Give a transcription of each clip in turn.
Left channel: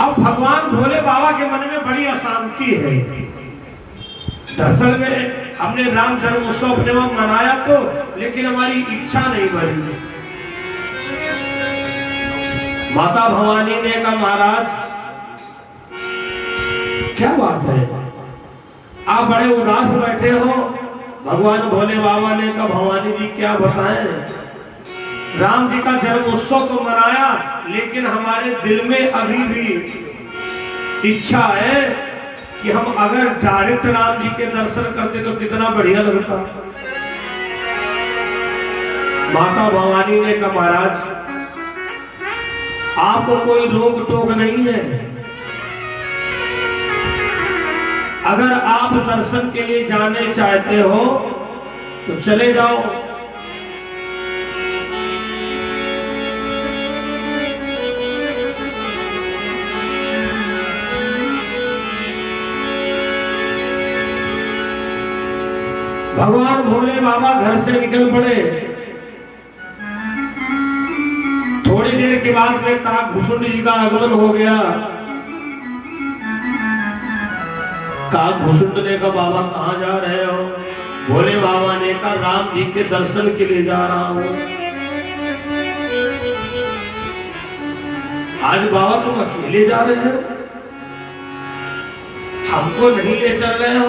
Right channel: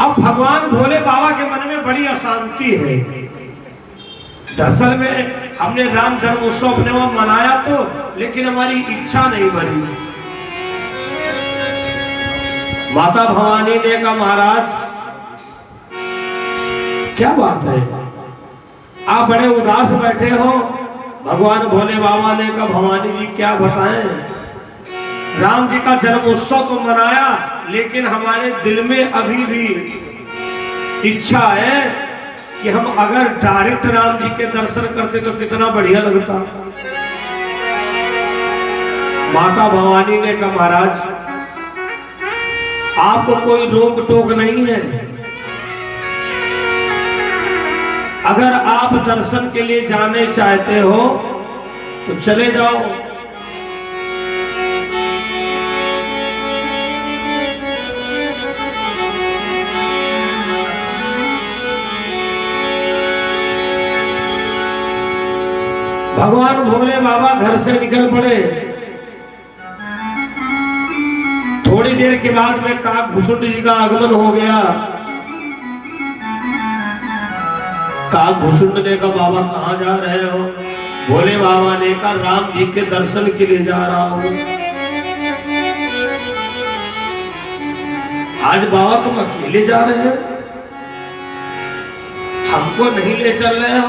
अब भगवान भोले बाबा के मन में बड़ी अशांति है। दरअसल में हमने राम जन्म उत्सव अपने वहां मनाया तो, लेकिन हमारी इच्छा नहीं बनी। माता भवानी ने कहा महाराज क्या बात है, आप बड़े उदास बैठे हो। भगवान भोले बाबा ने कहा भवानी जी क्या बताएं, राम जी का जन्म उत्सव तो मनाया, लेकिन हमारे दिल में अभी भी इच्छा है कि हम अगर डायरेक्ट राम जी के दर्शन करते तो कितना बढ़िया लगता। माता भवानी ने कहा महाराज आपको कोई रोक टोक नहीं है, अगर आप दर्शन के लिए जाने चाहते हो तो चले जाओ। भगवान भोले बाबा घर से निकल पड़े। थोड़ी देर के बाद में काकभूषुंड जी का आगमन हो गया। काकभूषुंड ने कहा बाबा कहाँ जा रहे हो? भोले बाबा ने कहा राम जी के दर्शन के लिए जा रहा हूं। आज बाबा तुम अकेले जा रहे हो, हमको नहीं ले चल रहे हो?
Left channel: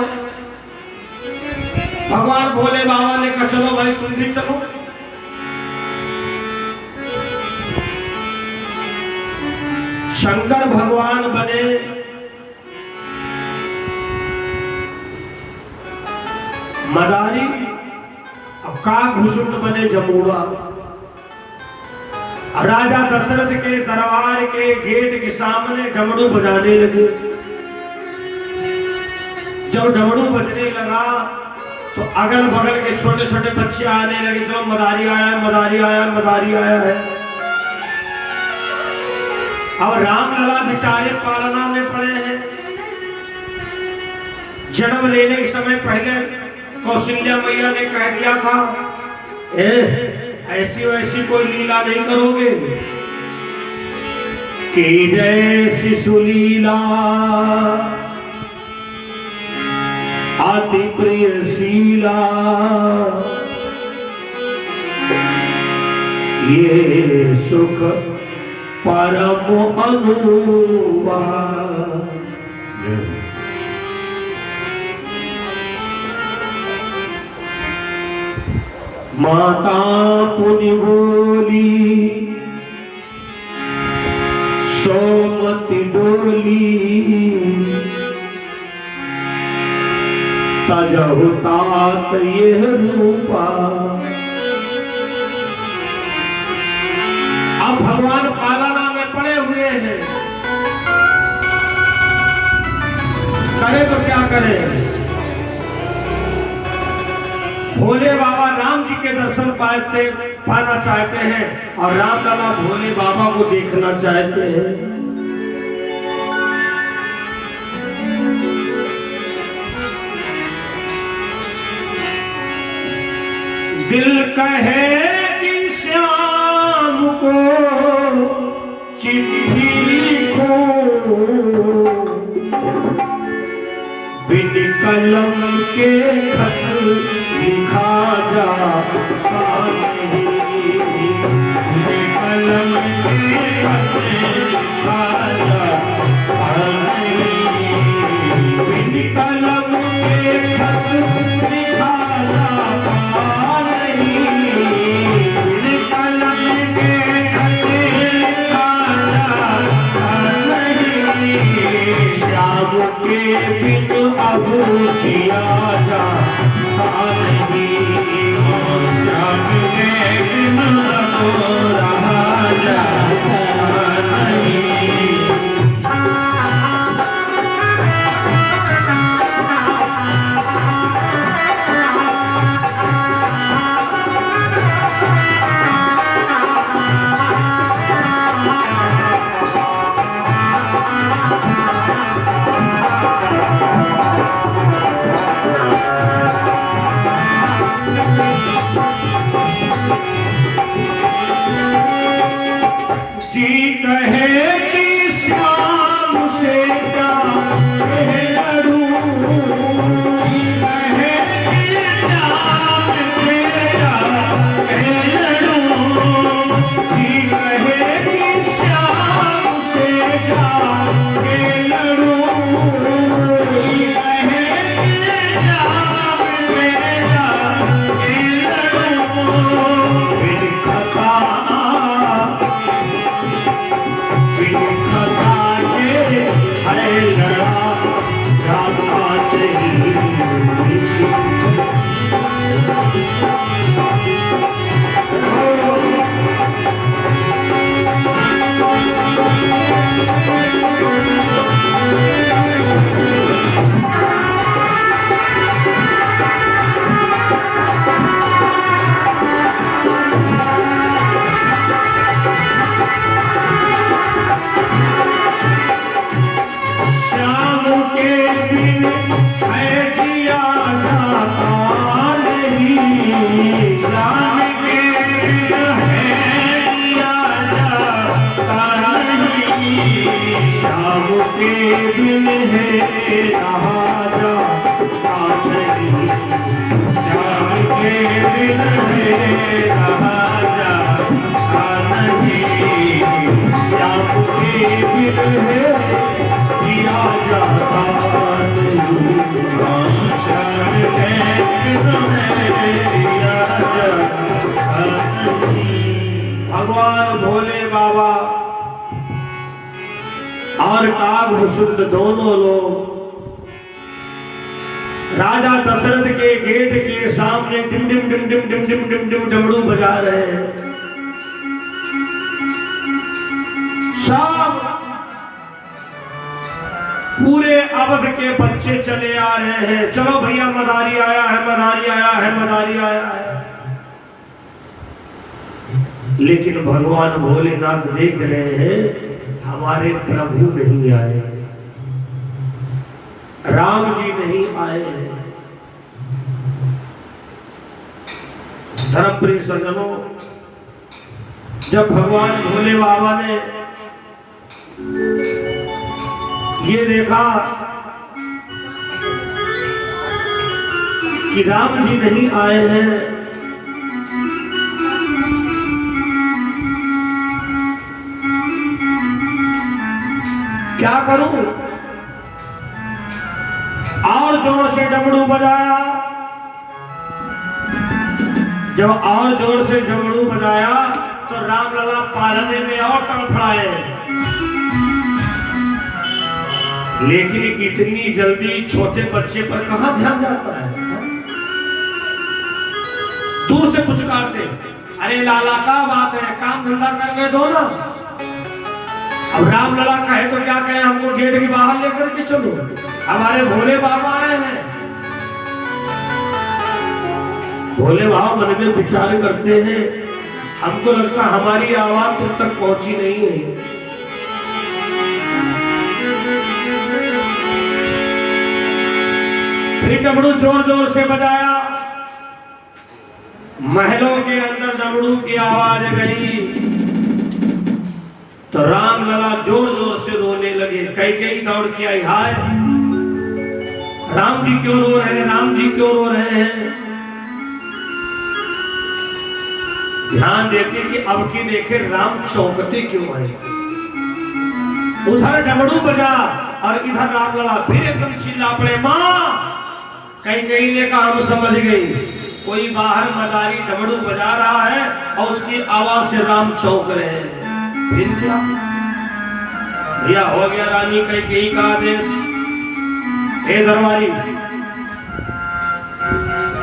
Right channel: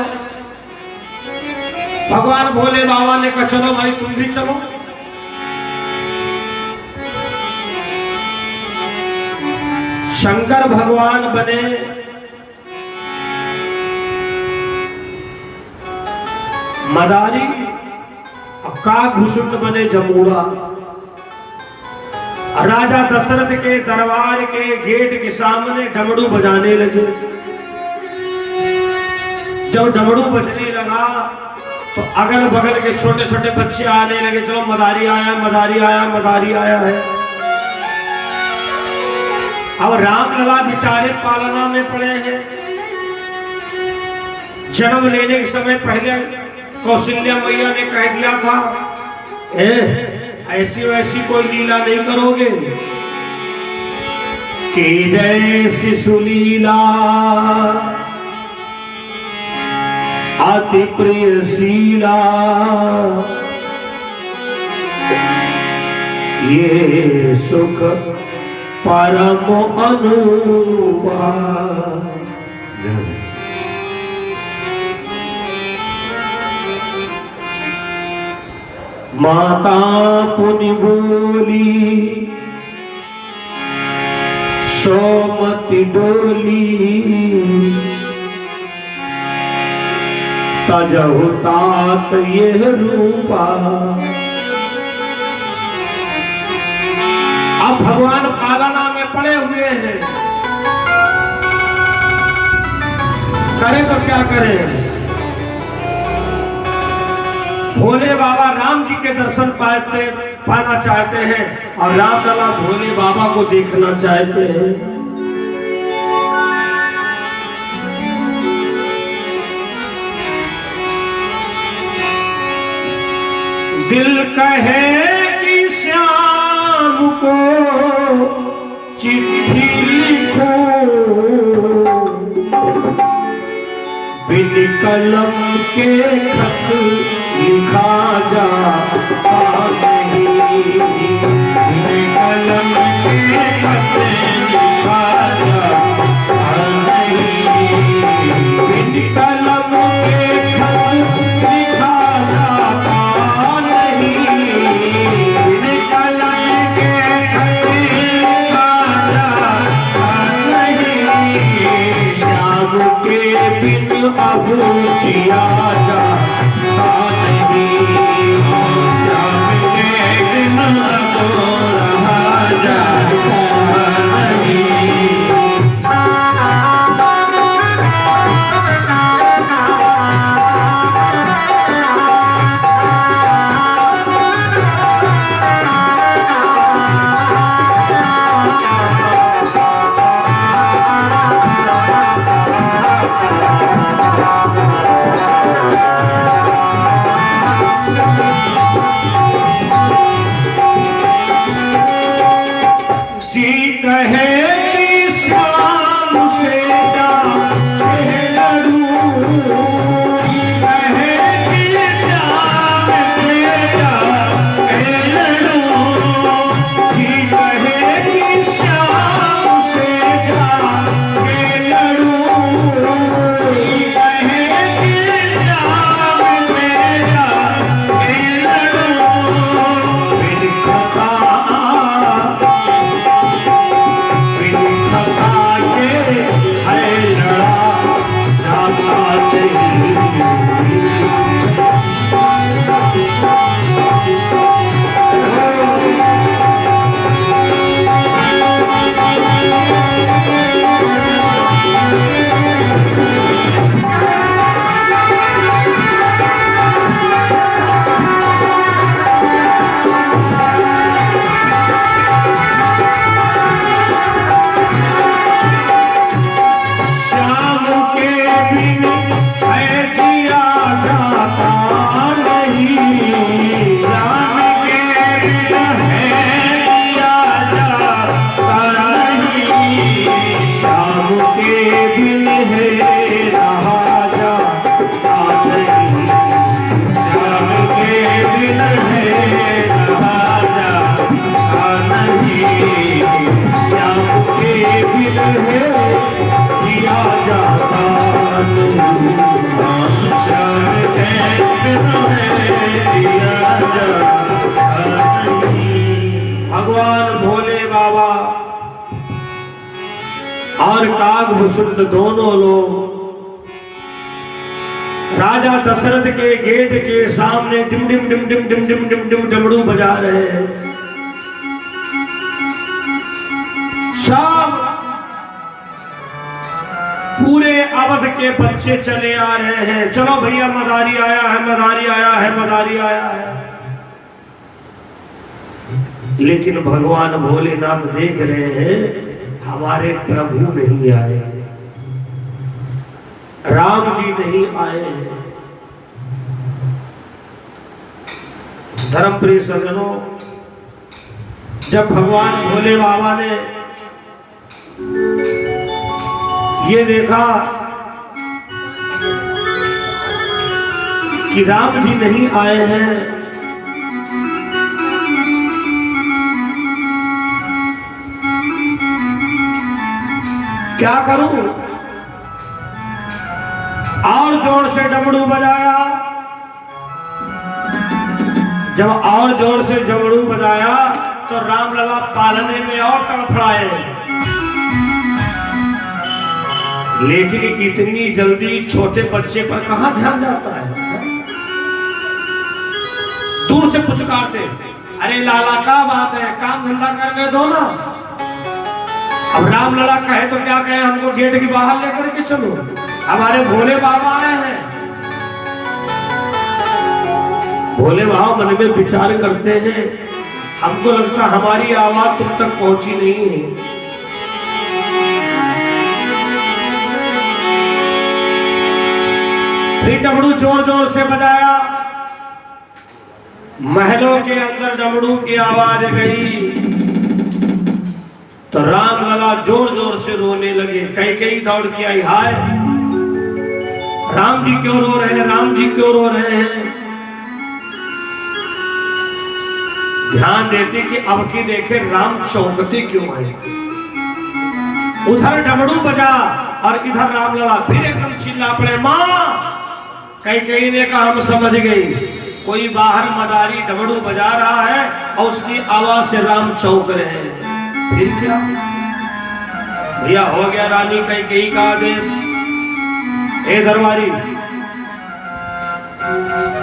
भगवान भोले बाबा ने कहा चलो भाई तुम भी चलो। शंकर भगवान बने मदारी, अब काकभूषुंड बने जमुआ। राजा दशरथ के दरबार के गेट के सामने डमरू बजाने लगे। जब डमरू बजने लगा तो अगल बगल के छोटे छोटे बच्चे आने लगे, चलो मदारी आया, मदारी आया, मदारी आया है। अब रामलला बेचारे पालना में पड़े हैं। जन्म लेने के समय पहले कौशल्या मैया ने कह दिया था ऐसी वैसी कोई लीला नहीं करोगे कि जैसी सुलीला अति प्रियशीला ये सुख परम अनुपा। माता पुनि बोली सोमति डोली, तजहु तात यह रूपा। अब भगवान पालना में पड़े हुए हैं, करे तो क्या करें। भोले बाबा राम जी के दर्शन पाना चाहते हैं और रामलला भोले बाबा को देखना चाहते हैं। दिल कहे कि श्याम को चिट्ठी लिखो, बिन कलम के खत लिखा जाता नहीं, बिन कलम के खत लिखा जाता नहीं, बिन कलम के खत लिखा जाता नहीं, बिन कलम के खत लिखा जाता नहीं। श्याम के बिन अब जिया जाता नहीं, श्याम के बिन अब रहा जाता नहीं। कहे कि श्याम से जाके लड़ूं, की कहे कि श्याम से जाके लड़ूं, की कहे कि श्याम से जाके लड़ूं, की कहे कि श्याम से जाके लड़ूं, बिन खता भगवान भोले बाबा और कागभूषुंड दोनों लोग राजा दशरथ के गेट के सामने dim dim dim dim dim dim dim dim डमरू बजा रहे हैं। सब पूरे अवध के बच्चे चले आ रहे हैं, चलो भैया मदारी आया है, मदारी आया है, मदारी आया है। लेकिन भगवान भोलेनाथ देख रहे हैं हमारे प्रभु नहीं आए, राम जी नहीं आए। धर्मप्रिय सज्जनों, जब भगवान भोले बाबा ने ये देखा कि राम जी नहीं आए हैं, क्या करूं? और जोर से डमरू बजाया। जब और जोर से डमरू बजाया तो रामलला पालने में और तड़फड़ाए, लेकिन इतनी जल्दी छोटे बच्चे पर कहां ध्यान जाता है। दूर से पुचकारते, अरे लाला क्या बात है, काम धंधा करने दो ना। अब रामलला कहे तो क्या कहे, हमको गेट के बाहर लेकर के चलो, हमारे भोले बाबा आए हैं। भोले बाबा मन में विचार करते हैं, हमको लगता हमारी आवाज तुम तक पहुंची नहीं है। फिर डमरू जोर जोर से बजाया, महलों के अंदर डमरू की आवाज गई तो रामलला जोर जोर से रोने लगे। कई दौड़ के आई, हाय राम जी क्यों रो रहे हैं, राम जी क्यों रो रहे हैं। ध्यान देते कि अब की देखे राम चौंकते क्यों है। उधर डमरू बजा और इधर रामलला फिर एकदम चिल्ला पड़े, माँ। कई ने कहा हम समझ गई, कोई बाहर मदारी डमरू बजा रहा है और उसकी आवाज से राम चौंक रहे हैं। फिर क्या भैया हो गया, रानी कई का आदेश, हे दरबारी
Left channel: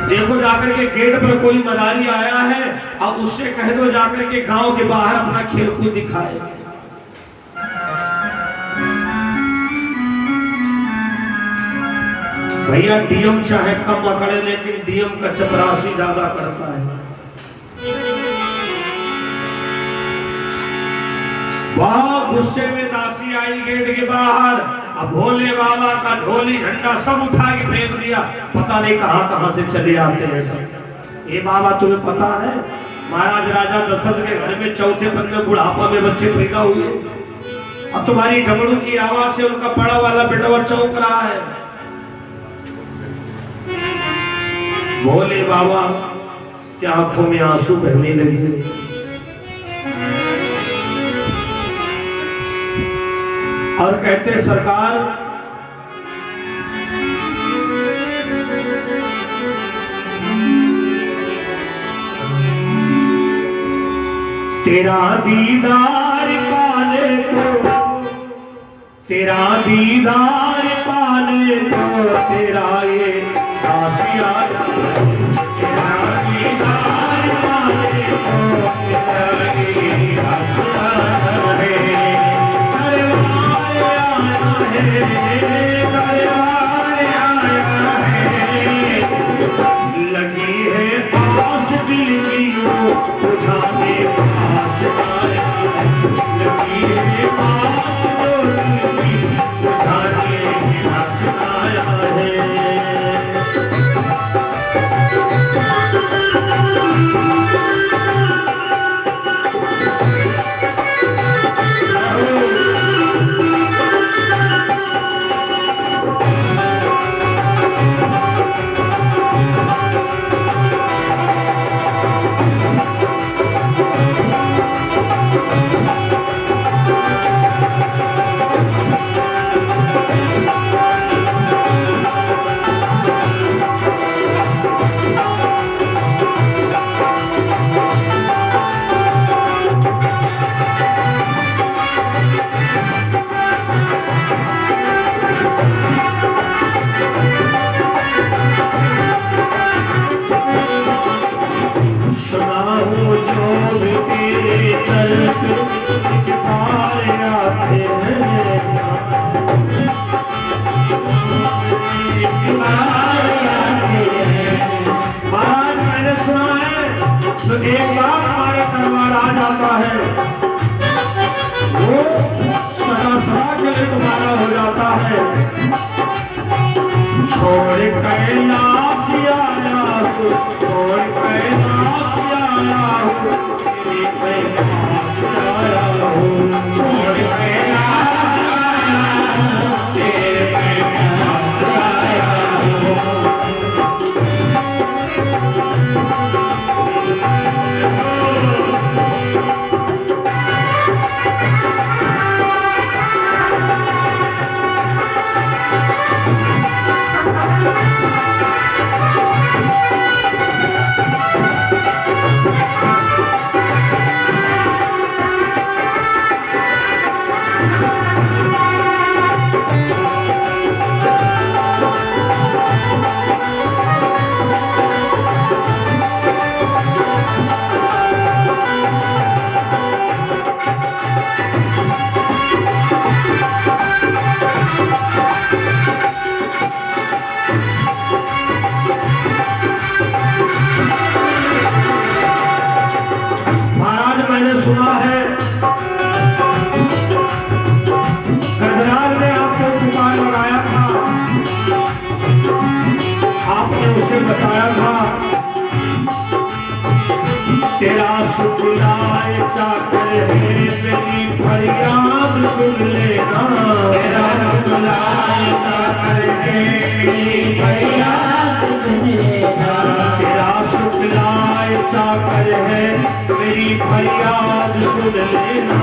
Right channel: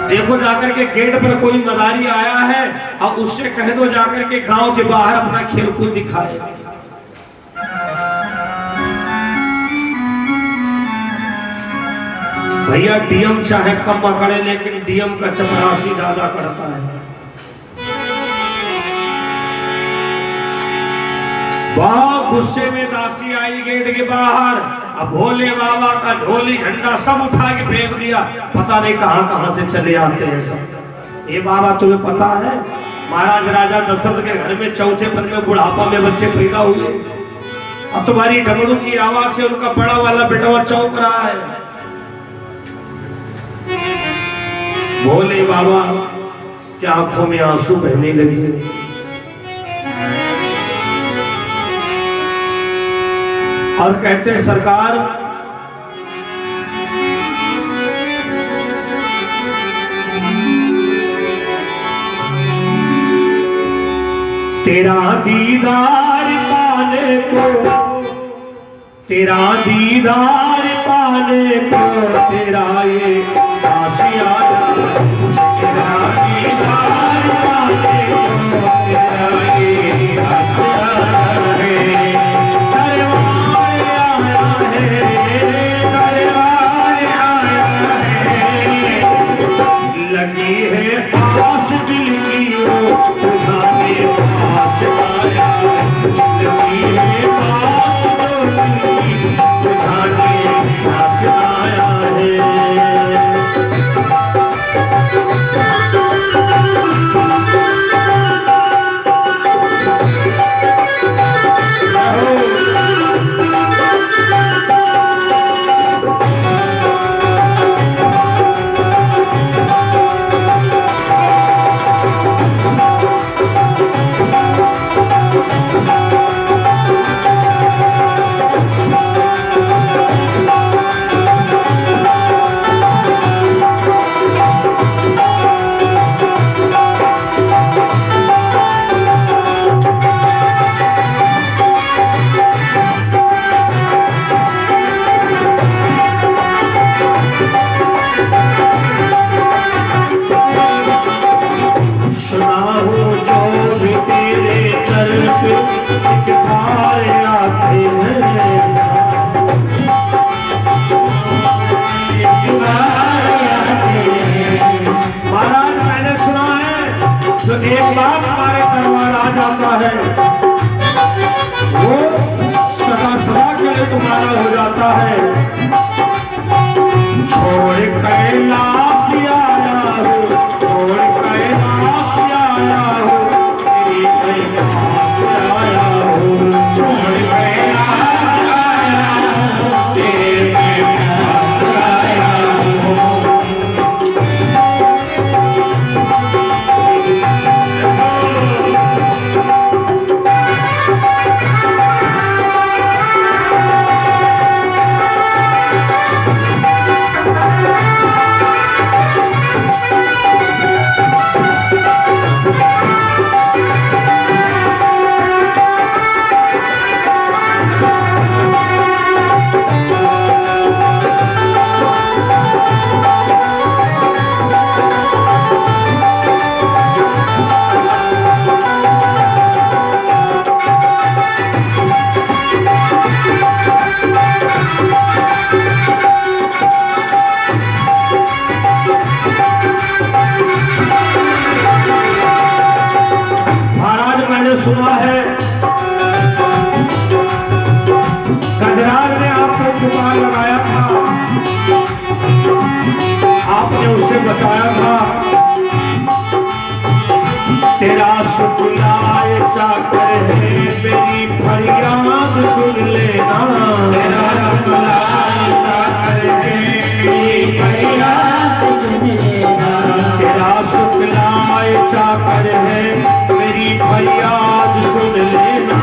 देखो जाकर के गेट पर कोई मदारी आया है और उससे कह दो जाकर के गांव के बाहर अपना खेलकूद दिखाए। भैया डीएम चाहे कम करे लेकिन डीएम का चपरासी ज्यादा करता है। बहुत गुस्से में दासी आई गेट के बाहर, अब भोले बाबा का झोली झंडा सब उठा के फेंक दिया। पता नहीं कहां कहां से चले आते हैं सब। ये बाबा तुम्हें पता है महाराज राजा दशरथ के घर में चौथे पन में बुढ़ापा में बच्चे पैदा हुए और तुम्हारी डमरू की आवाज से उनका बड़ा वाला बेटा चौंक रहा है। भोले बाबा की आंखों में आंसू बहने लगे। और कहते हैं सरकार, तेरा दीदार पाने को, तेरा दीदार पाने को तेरा ये आशिया, तेरा दीदार पाने को तेरा ये आशिया है। दरबार आया है, दरबार आया है, लगी है आस दिल की वो बुझाने पास आया, लगी है आस जो दिल की बुझाने पास आया है। एक बार हमारे दरबार आ जाता है, वो सदा सदा के लिए तुम्हारा हो जाता है। छोड़ कैलाश आया हो, छोड़ कैलाश आया हो, तेरे कैलाश आया हो, छोड़ कैलाश आया हो, तेरे कैलाश आया हो। सुना है गजराज ने आपको पुकार लगाया था, आपने उसे बचाया था। तेरा शुक्लाए चाकर है, मेरी फरियाद सुन लेना। तेरा शुक्लाए चाकर है, मेरी फरियाद सुन लेना। तेरा शुक्लाए चाकर है, मेरी फरियाद सुन लेना।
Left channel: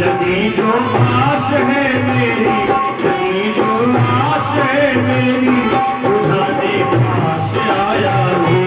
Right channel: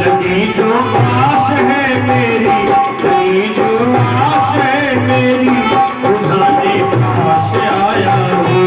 लगी जो आस है मेरी, लगी जो आस है मेरी, बुझाने पास आया हूँ।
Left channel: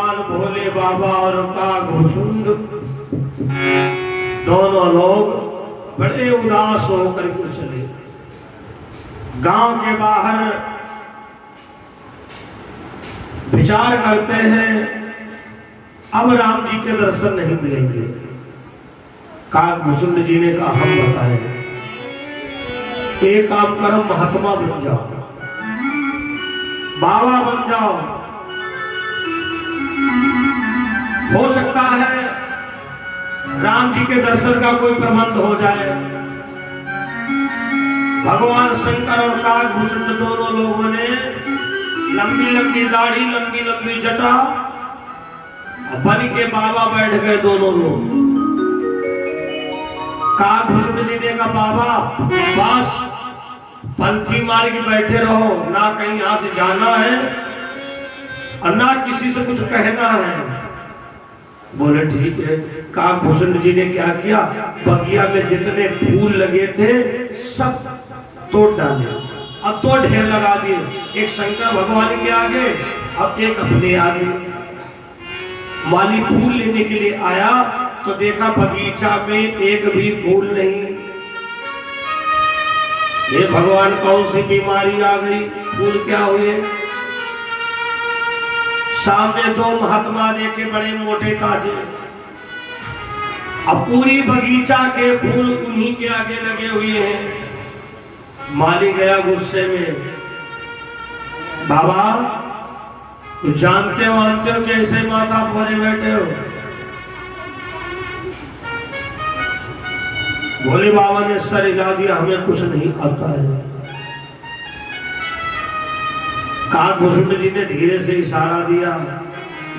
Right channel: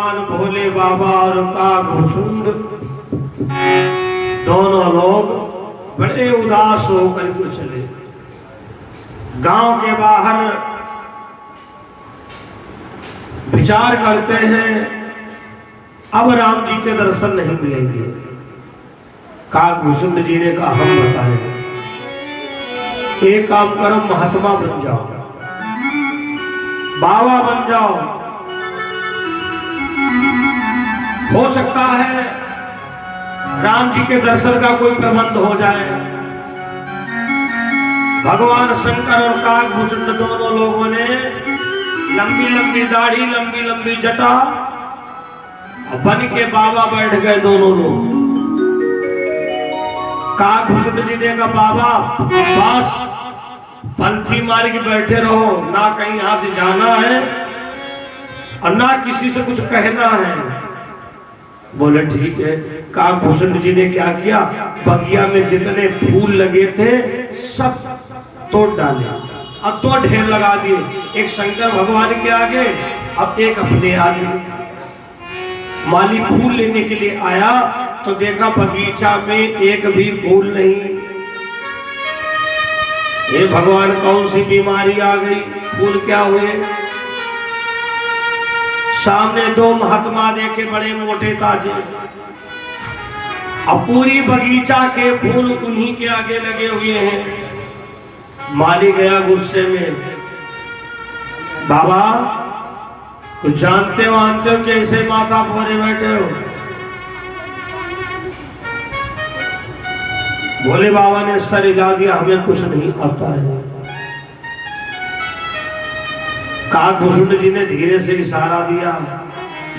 भगवान भोले बाबा और काकभूषुंड दोनों लोग बड़े उदास होकर के चले। गांव के बाहर विचार करते हैं अब राम जी के दर्शन नहीं मिलेंगे। काकभूषुंड जी ने कहा हम बताएं, एक काम करो, महात्मा बन जाओ, बाबा बन जाओ, हो सकता है राम जी के दर्शन का कोई प्रबंध हो जाए। भगवान शंकर और काकभूषुंड दोनों लोगों ने लंबी लंबी दाढ़ी, लंबी लंबी जटा बन के बाबा बैठ गए दोनों लोग। काकभूषुंड जी ने कहा बाबा बस पंथी मार के बैठे रहो, ना कहीं यहां से जाना है और ना किसी से कुछ कहना है। बोले ठीक है। काकभूषुंड जी ने क्या किया, बगिया में जितने फूल लगे थे सब तोड़ डाले और तो ढेर लगा दिए, एक शंकर भगवान के आगे अब एक अपने आगे। माली फूल लेने के लिए आया तो देखा बगीचा में एक भी फूल नहीं। ये भगवान कौन सी बीमारी आ गई, फूल क्या हुए। सामने दो महात्मा देखे बड़े मोटे ताजे, अब पूरी बगीचा के फूल उन्हीं के आगे लगे हुए हैं। माली गया गुस्से में, बाबा कुछ जानते हो आनते हो कैसे माता फोरे बैठे हो। भोले बाबा ने सर हिला दिया, हमें कुछ नहीं आता है। काकभूषुंड जी ने धीरे से इशारा दिया,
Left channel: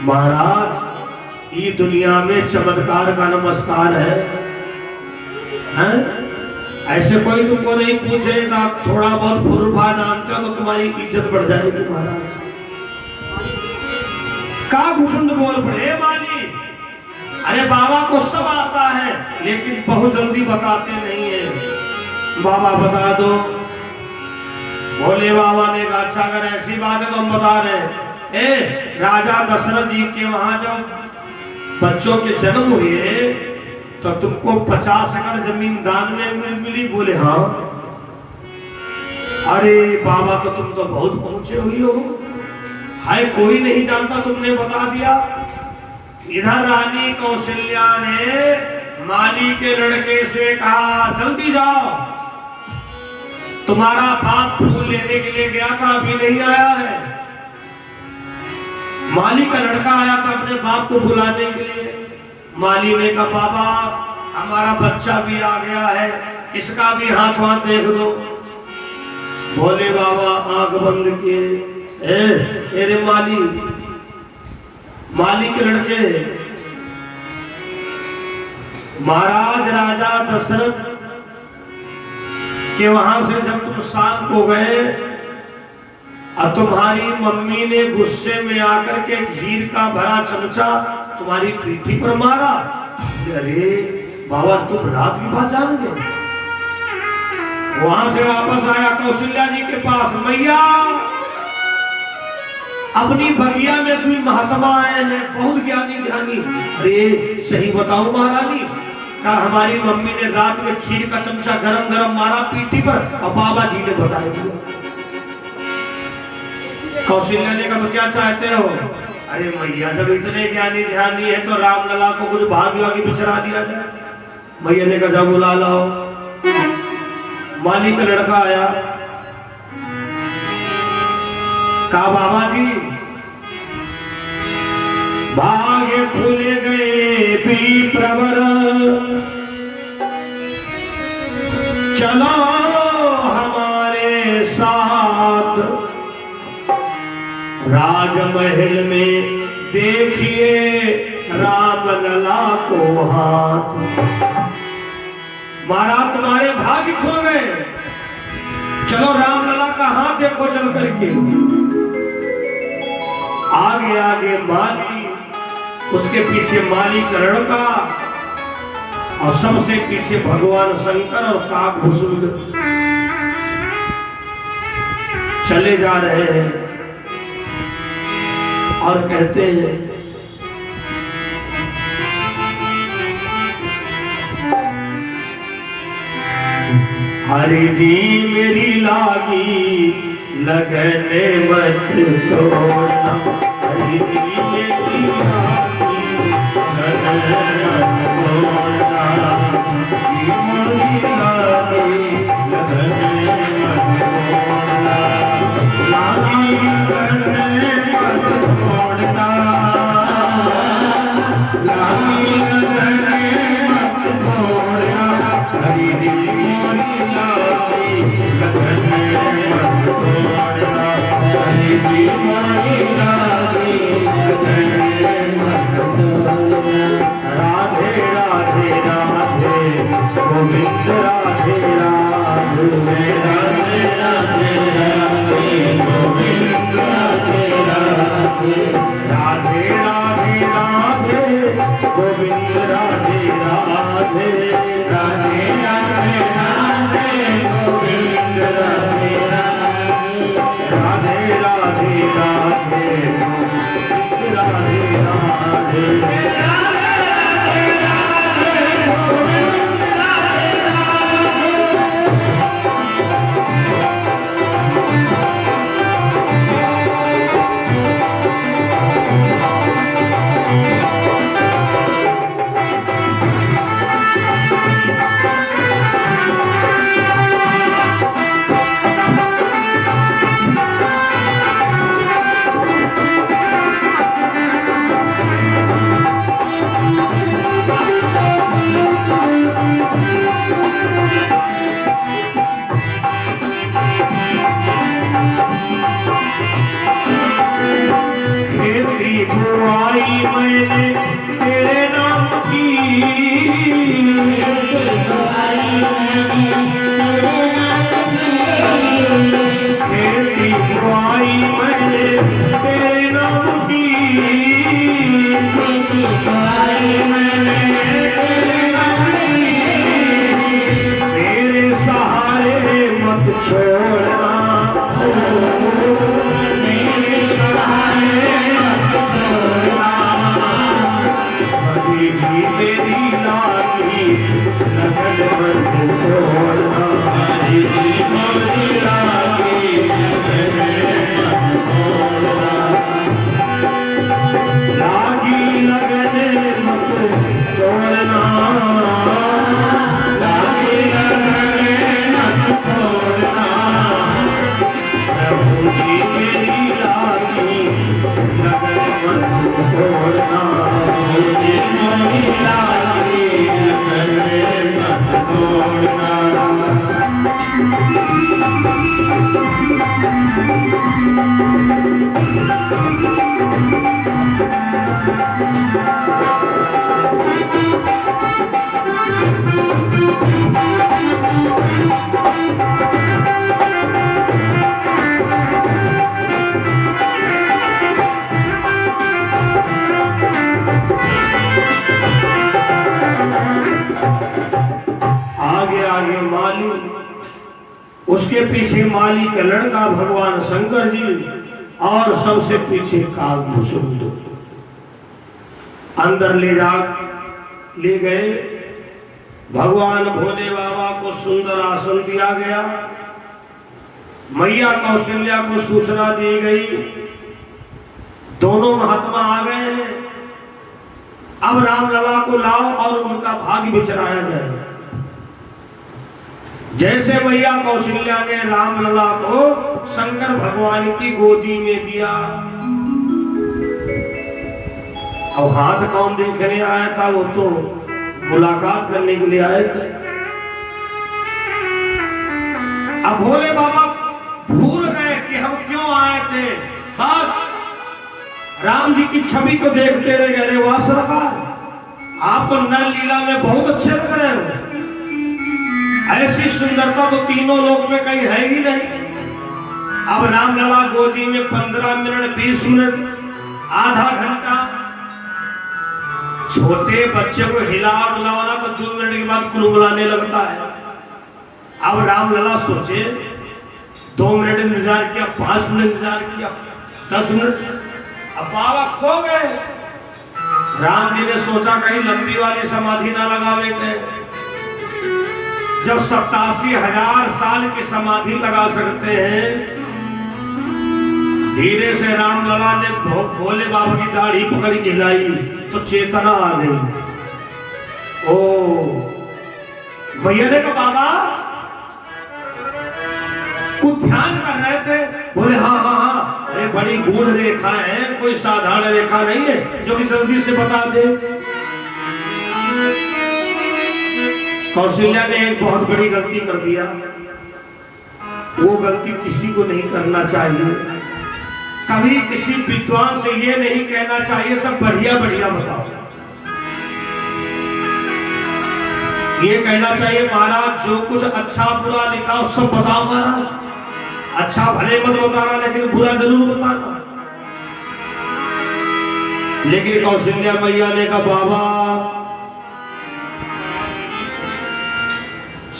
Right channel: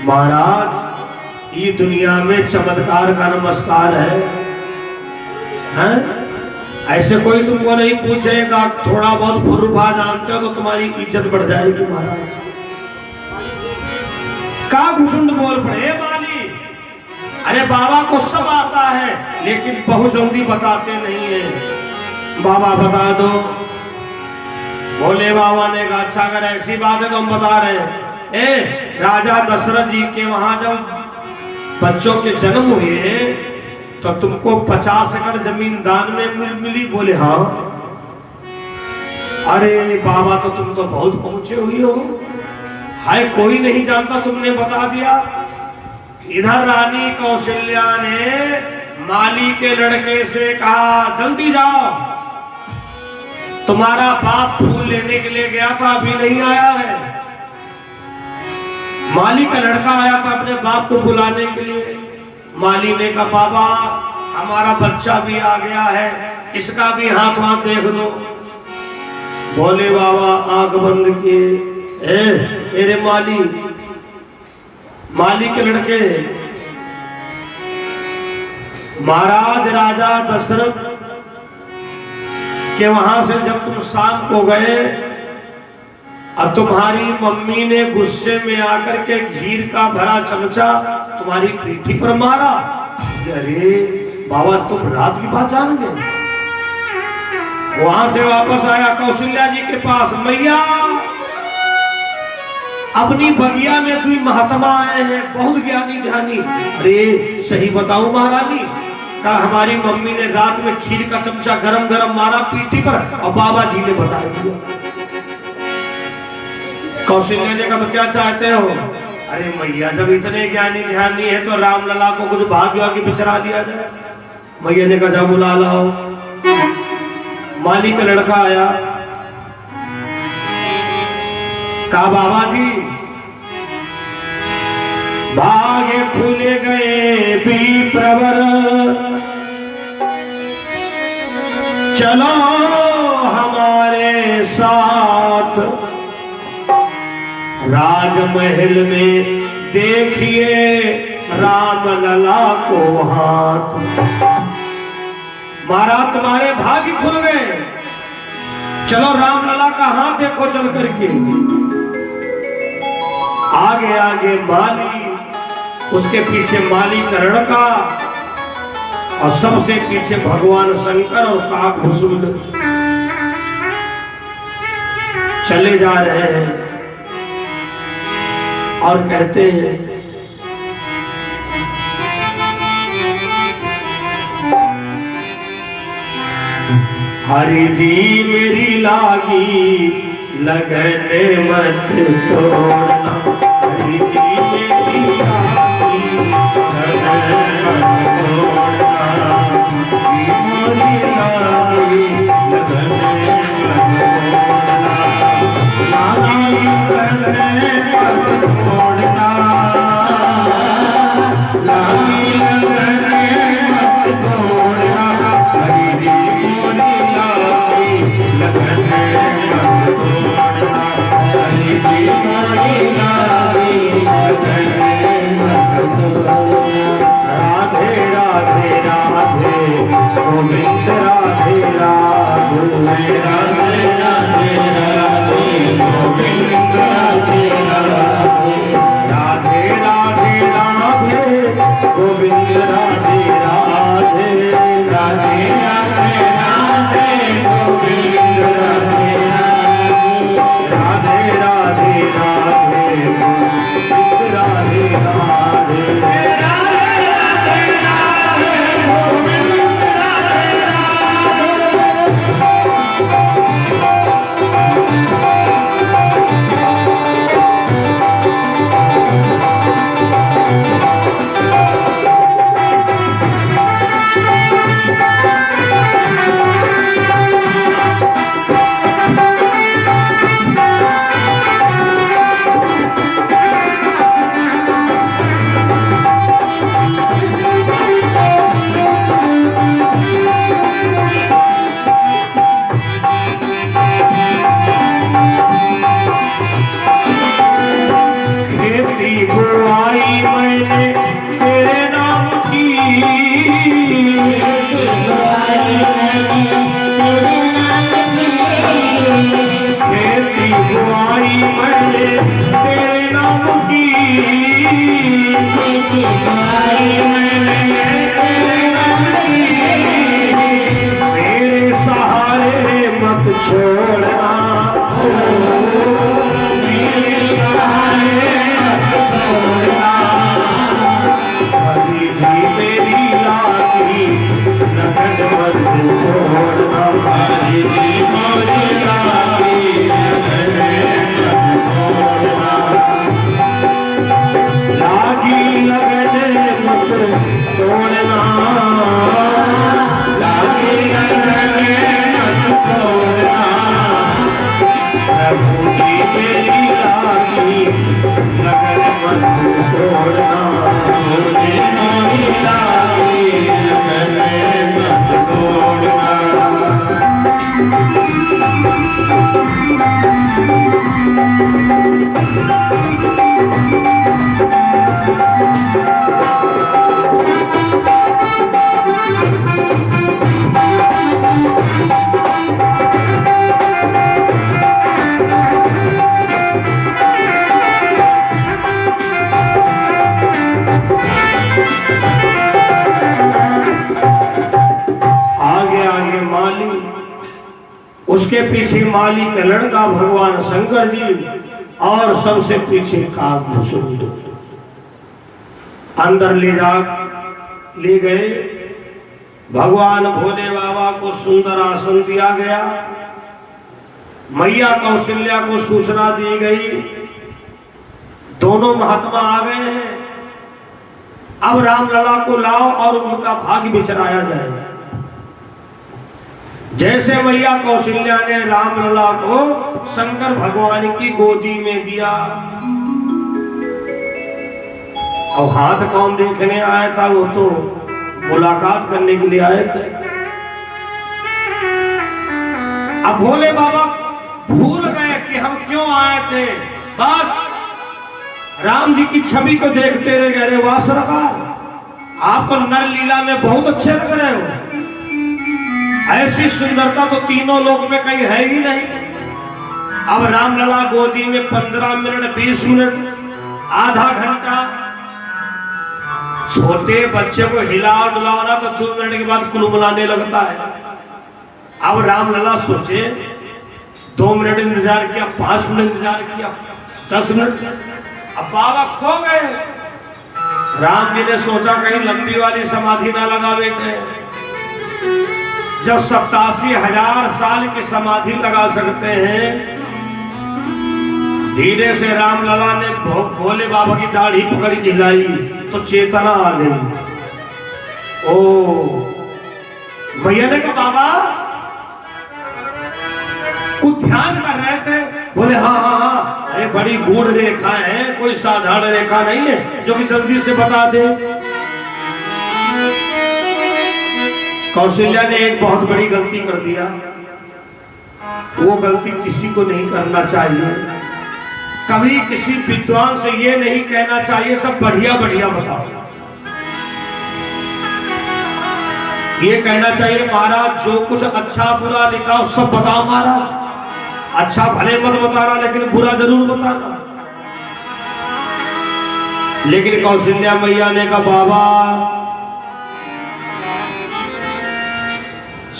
महाराज ये दुनिया में चमत्कार का नमस्कार है, हैं? ऐसे कोई तुमको नहीं पूछेगा, थोड़ा बहुत फुर्रफा जानते हो तो तुम्हारी इज्जत बढ़ जाएगी महाराज। काकभूषुंड बोल पड़े, माली अरे बाबा को सब आता है लेकिन बहुत जल्दी बताते नहीं है, बाबा बता दो। भोले बाबा ने कहा अच्छा अगर ऐसी बात है तो हम बता रहे हैं। राजा दशरथ जी के वहां जब बच्चों के जन्म हुए तो तुमको 50 एकड़ जमीन दान में मिली। बोले हाँ। अरे बाबा तो तुम तो बहुत पहुंचे हुई हो, हाय कोई नहीं जानता, तुमने बता दिया। इधर रानी कौशल्या ने माली के लड़के से कहा जल्दी जाओ, तुम्हारा बाप फूल लेने के लिए गया था अभी नहीं आया है। माली का लड़का आया था अपने बाप को बुलाने के लिए। माली ने कहा बाबा हमारा बच्चा भी आ गया है, इसका भी हाथ हाथ देख दो। भोले बाबा आंख बंद किए, तेरे माली के लड़के महाराज राजा दशरथ के वहां से जब तुम शाम को गए और तुम्हारी मम्मी ने गुस्से में आकर के घीर का भरा चमचा तुम्हारी पीठी पर मारा। अरे बाबा तुम रात की बात जान गए। वहां से वापस आया कौशल्या जी के पास, मैया अपनी बगिया में तुम महात्मा आए हैं, बहुत ज्ञानी ध्यानी। अरे सही बताऊं महारानी, कल हमारी मम्मी ने रात में खीर का चमचा गरम गरम मारा पीठी पर और बाबा जी ने बताया दिया। कौशल्या ने कहा तो क्या चाहते हो। अरे मैया जब इतने ज्ञानी ध्यानी है तो रामलला को कुछ भाग वागी बिचरा दिया जाए। मैया ने कहा जा बुला लाओ। माली का लड़का आया, कहा बाबा जी भागे खुले गए भी प्रवर, चलो हमारे साथ राजमहल में देखिए रामलला को हाथ। महाराज तुम्हारे भाग्य खुल गए, चलो रामलला का हाथ देखो चल करके। आगे आगे माली, उसके पीछे माली का लड़का और सबसे पीछे भगवान शंकर और काकभूषुंड चले जा रहे हैं और कहते हैं हरि जी मेरी लागी लगने मत तोड़ना, हरि जी मेरी लागी लगने मत तोड़ना, मेरी लागी लगने मत तोड़ना, लागी लगने मत तोड़ना, लागी लगने मत तोड़ना, हरि जी मेरी लागी लगने मत तोड़ना, हरि जी मेरी लागी लगने मत तोड़ना। राधे राधे राधे गोविंद राधे राधे, राधे राधे राधे गोविंद राधे राधे, राधे राधे राधे गोविंद राधे राधे, राधे राधे राधे गोविंद राधे राधे, राधे राधे राधे गोविंद राधे राधे, खेती बुआई मैंने तेरे नाम की, खेती बुआई मैंने तेरे नाम की, खेती बुआई मैंने तेरे नाम की, खेती बुआई मैंने तेरे नाम की, तेरे सहारे मत छोड़ना, हरि जी मेरी लागी लगन मत तोड़ना, हरि जी मेरी लागी लगन मत तोड़ना, लागी लगन मत तोड़ना, लागी लगन मत तोड़ना, प्रभु जी मेरी लागी लगन मत तोड़ना, मुझे मेरी लागी लगन मत तोड़ना। आगे आगे माली, उसके पीछे माली का लड़का भगवान शंकर जी, और सबसे पीछे कागभूषण अंदर ले गए। भगवान भोले बाबा को सुंदर आसन दिया गया, मैया कौशल्या को सूचना दी गई, दोनों महात्मा आ गए हैं। अब रामलला को लाओ और उनका भाग्य विचराया जाए। जैसे मैया कौशल्या ने रामलला को शंकर भगवान की गोदी में दिया, अब हाथ कौन देखने आया था, वो तो मुलाकात करने के लिए आए थे। अब भोले बाबा भूल गए कि हम क्यों आए थे, बस राम जी की छवि को देखते रह गए। वाह सरकार, आप तो नर लीला में बहुत अच्छे लग रहे हो, ऐसी सुंदरता तो तीनों लोक में कहीं है ही नहीं। अब रामलला गोदी में 15 मिनट 20 मिनट आधा घंटा, छोटे बच्चे को हिला डुलाना तो 2 मिनट के बाद कुलबुलाने लगता है। अब रामलला सोचे 2 मिनट इंतजार किया, 5 मिनट इंतजार किया, 10 मिनट, अब बाबा खो गए। राम जी ने सोचा कहीं लंबी वाली समाधि ना लगा बैठे। जब 87,000 साल की समाधि लगा सकते हैं, धीरे से रामलला ने भोले बाबा की दाढ़ी पकड़ के हिलाई तो चेतना आ गई। ओ भैया ने कहा बाबा कुछ ध्यान कर रहे थे? बोले हाँ हाँ हाँ, अरे बड़ी गूढ़ रेखा है, कोई साधारण रेखा नहीं है जो कि जल्दी से बता दे। कौशल्या ने एक बहुत बड़ी गलती कर दिया। वो गलती किसी को नहीं करना चाहिए। कभी किसी विद्वान से ये नहीं कहना चाहिए सब बढ़िया बढ़िया बताओ। ये कहना चाहिए महाराज जो कुछ अच्छा बुरा लिखा सब बताओ महाराज। अच्छा भले मत बताना लेकिन बुरा जरूर बताना। लेकिन कौशल्या मैया ने कहा बाबा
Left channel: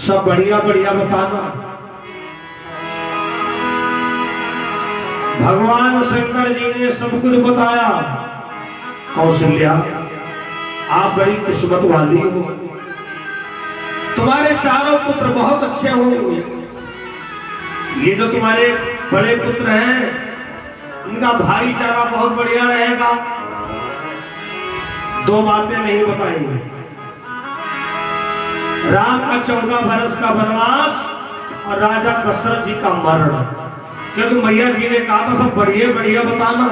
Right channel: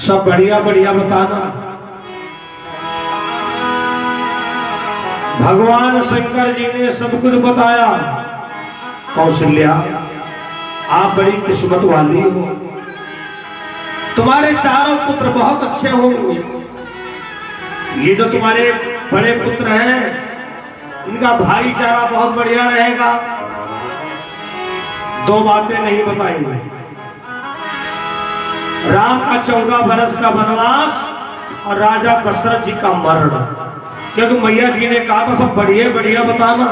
सब बढ़िया बढ़िया बताना। भगवान शंकर जी ने सब कुछ बताया। कौशल्या आप बड़ी किस्मत वाली हो, तुम्हारे चारों पुत्र बहुत अच्छे होंगे। ये जो तुम्हारे बड़े पुत्र हैं उनका भाईचारा बहुत बढ़िया रहेगा। दो बातें नहीं बताएंगे। राम का 14 वर्ष का वनवास और राजा दशरथ जी का मरण, क्योंकि मैया जी ने कहा था सब बढ़िया बढ़िया बताना।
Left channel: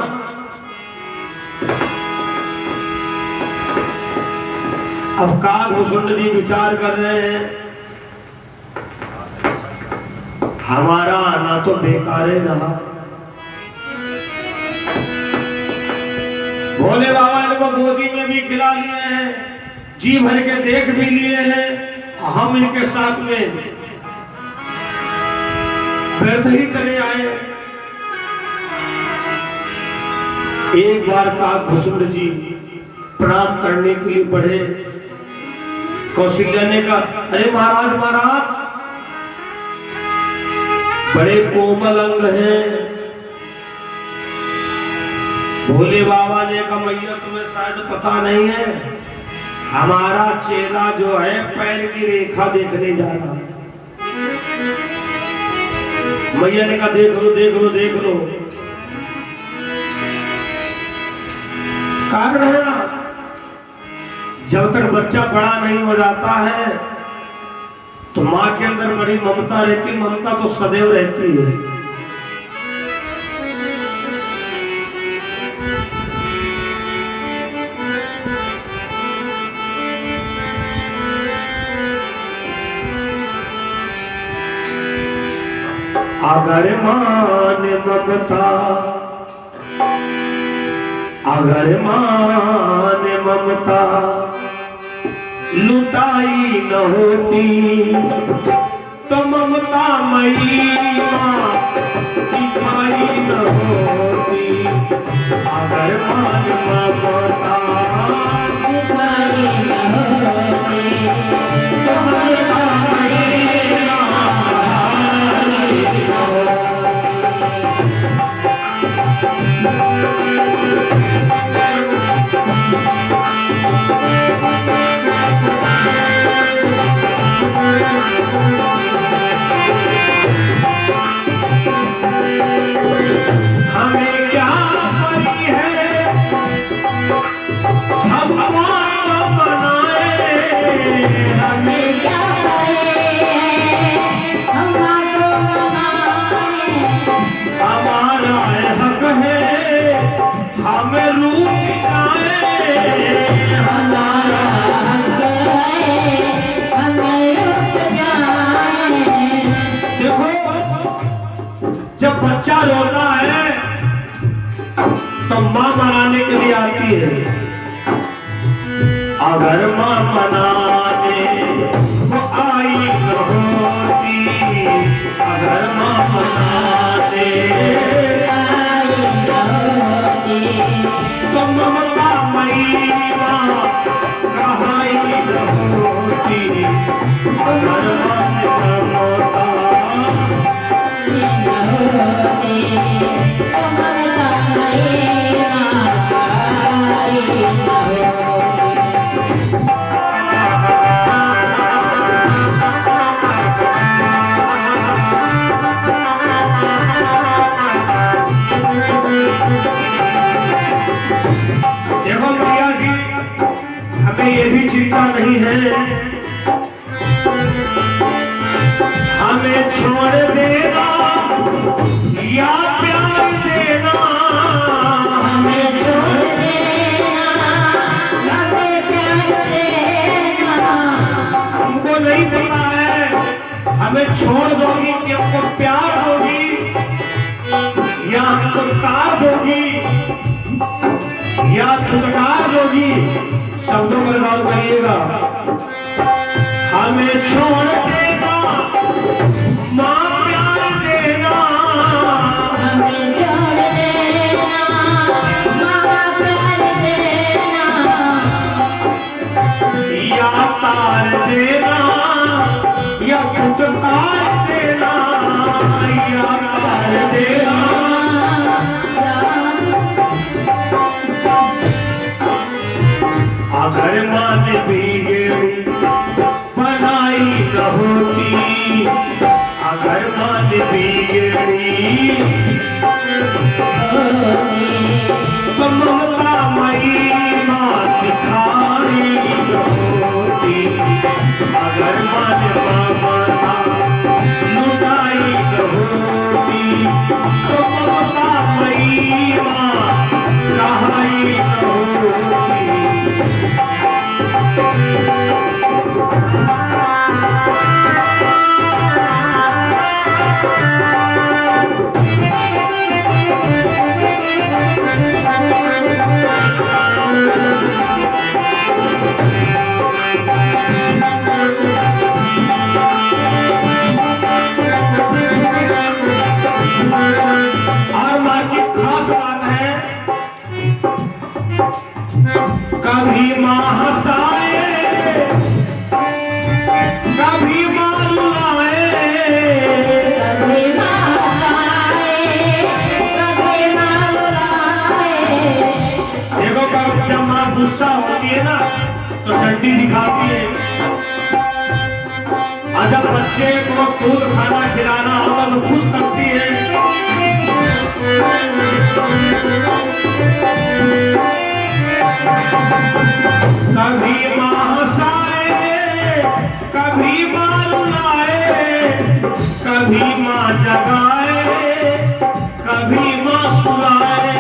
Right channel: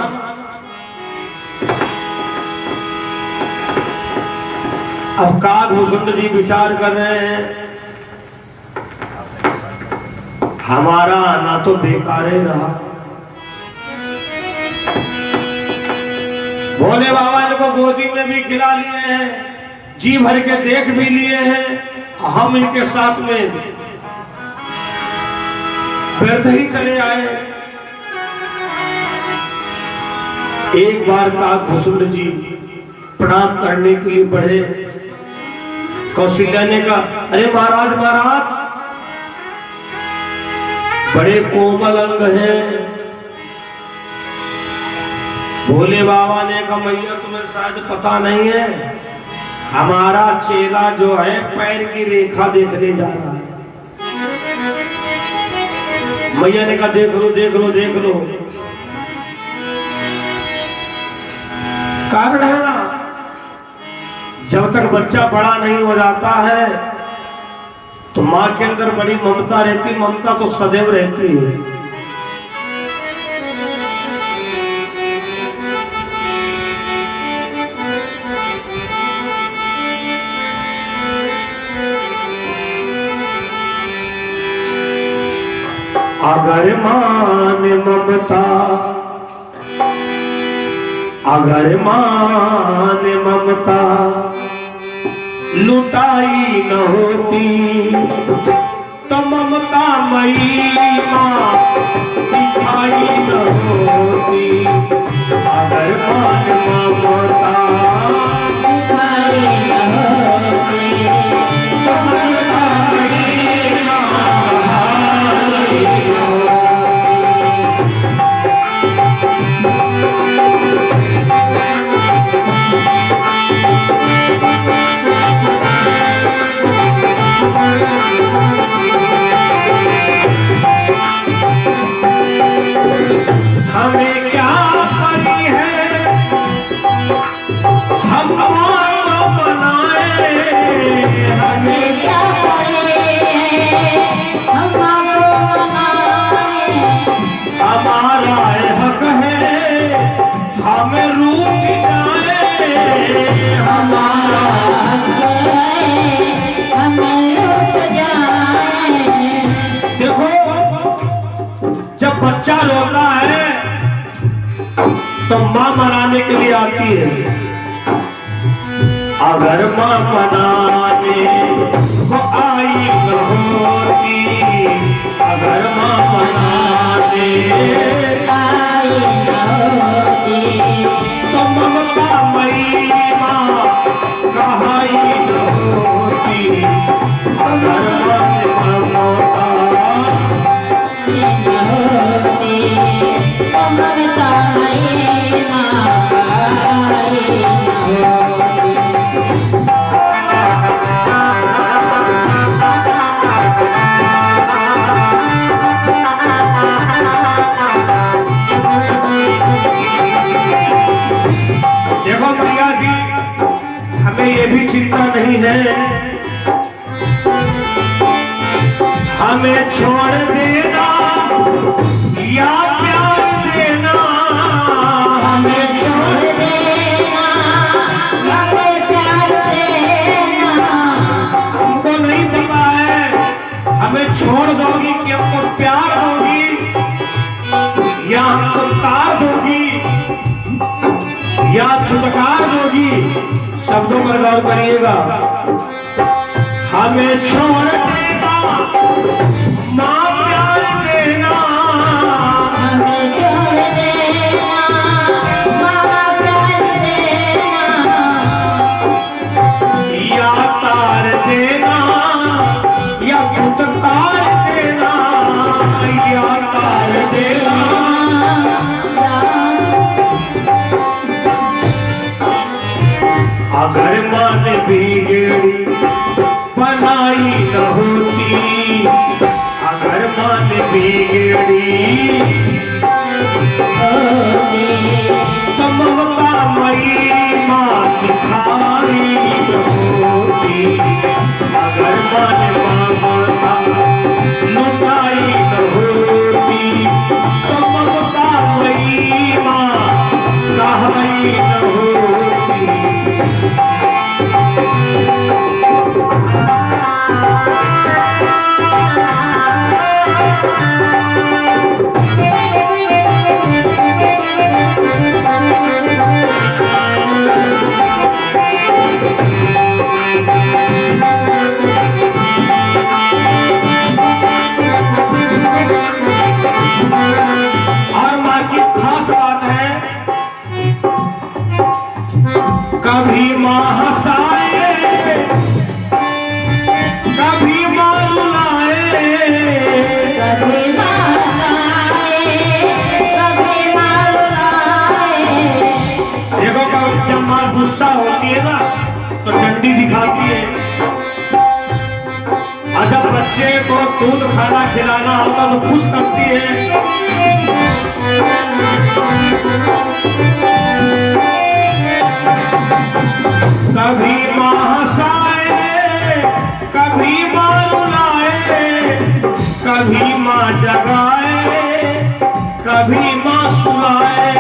अब काकभूषुंड जी विचार कर रहे हैं हमारा ना तो बेकार रहा। भोले बाबा ने को गोदी में भी खिला लिए हैं, जी भर के देख भी लिए हैं, हम इनके साथ में व्यर्थ ही चले आए। एक बार काकभूषुंड जी प्रणाम करने के लिए बढ़े। कौशल्या ने कहा अरे महाराज महाराज बड़े कोमल अंग हैं। भोले बाबा ने कहा मैया तुम्हें शायद पता नहीं है, हमारा चेला जो है पैर की रेखा देखने जा रहा है। मैया ने कहा देख लो देख लो देख लो। कारण है ना, जब तक बच्चा बड़ा नहीं हो जाता है तो मां के अंदर बड़ी ममता रहती, ममता तो सदैव रहती है। अगर मान ममता अगर मान ममता लुटाई न होती तो ममता मई मां दिखाई न होती। अगर मान ममता लुटाई न होती तो ममता मई हमें क्या करी है हम बनाए, हमें क्या हमारा हक है हमें रूठ जाए, हमारा हक है हमें रूठ जाए। देखो जब बच्चा रोता है तो मां मनाने के लिए आती है। अगर मां मनाने तो आई होती, अगर मां मनाने आई होती तो ममता मई मां कहाई होती। अगर मां ममता होती तो ममता मई मां कहाई होती। ये भी चिंता नहीं है, हमें छोड़ देना या प्यार देना, हमें छोड़ देना या प्यार देना। हमको नहीं पता है हमें छोड़ दोगी कि हमको प्यार दोगी या हमको तार दोगी या धुतकार दोगी। शब्दों पर गौर करिएगा। हमें छोड़ देना माँ प्यार देना, हमें छोड़ देना माँ प्यार देना। या तार देना या धुतकार देना, या तार देना। अगर मान बिगड़ी बनाई न होती, अगर मान बिगड़ी तो ममता मई माँ दिखाई न होती, अगर मान ममता लुटाई न होती तो ममता मई माँ रहाई न होती। और माँ की खास बात है, कभी माँ हंसाए कभी माँ रुलाए, कभी माँ हंसाए कभी माँ रुलाए। देखो जब माँ गुस्सा होती है ना तो डंडी दिखाती है, और जब बच्चे को दूध खाना खिलाना होता तो खुश करती है। कभी माँ हंसाए कभी माँ रुलाए, कभी माँ जगाए कभी माँ सुलाए।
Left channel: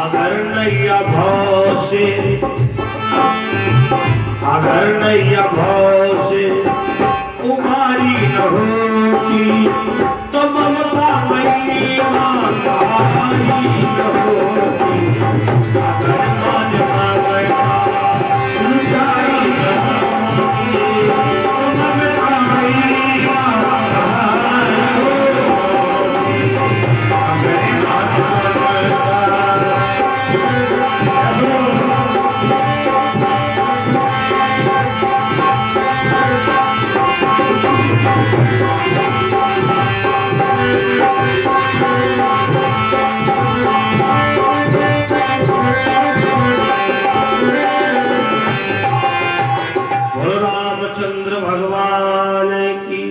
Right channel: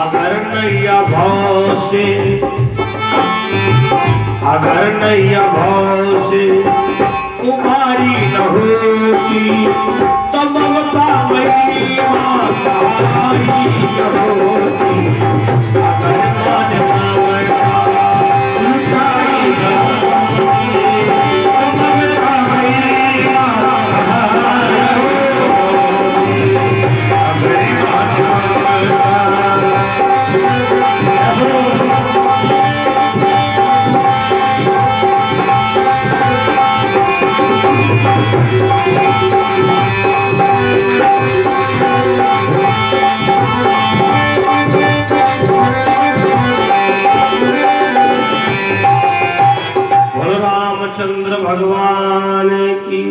अगर नैया भाव से, अगर नैया भाव से उबारी न होती तो ममता मई माँ आई न होती, अगर मान ममता लुटाई न होती तो ममता मई माँ आई न होती, अगर मान रामचंद्र भगवान की।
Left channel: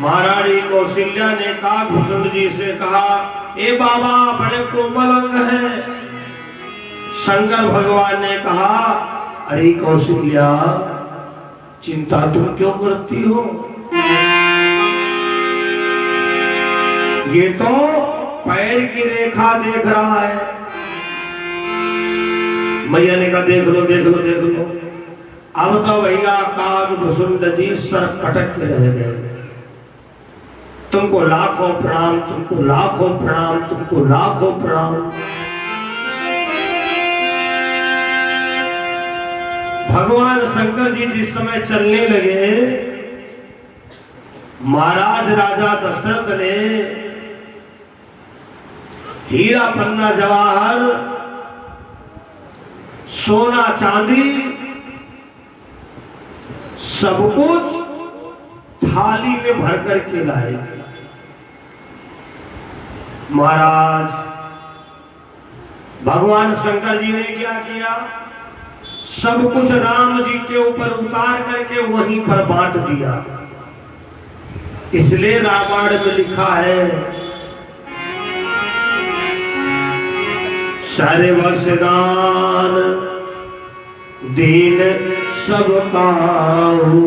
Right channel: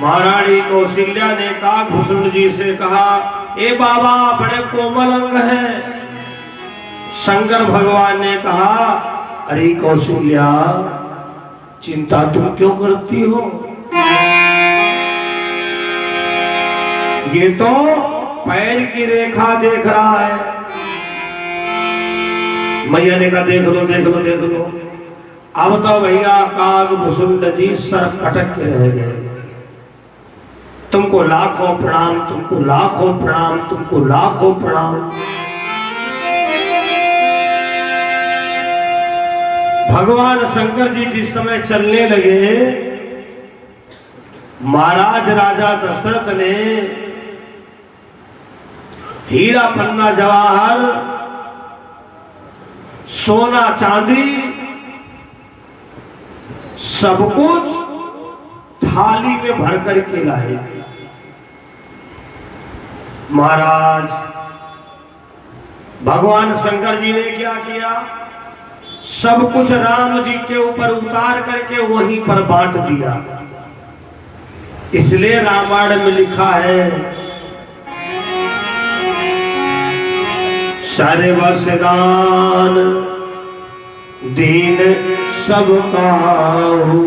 महारानी कौशल्या ने कहा, भुसुंड जी से कहा, ए बाबा बड़े कोमल अंग है। शंकर भगवान ने कहा, अरे कौशल्या चिंता तुम क्यों करती हो, ये तो पैर की रेखा देख रहा है। मैया ने कहा देख लो देख लो देख लो। अब तो भैया काग भुसुंड जी सर अटक के रह गए। तुमको लाखों प्रणाम, तुमको लाखों प्रणाम, तुमको लाखों प्रणाम। भगवान शंकर जी जिस समय चलने लगे, महाराज राजा दशरथ ने हीरा पन्ना जवाहर सोना चांदी सब कुछ थाली में भर करके लाए। महाराज भगवान शंकर जी ने क्या किया, सब कुछ राम जी के ऊपर उतार करके वहीं पर बांट दिया। इसलिए रामायण में लिखा है, सर्वसदान दीन सब काहू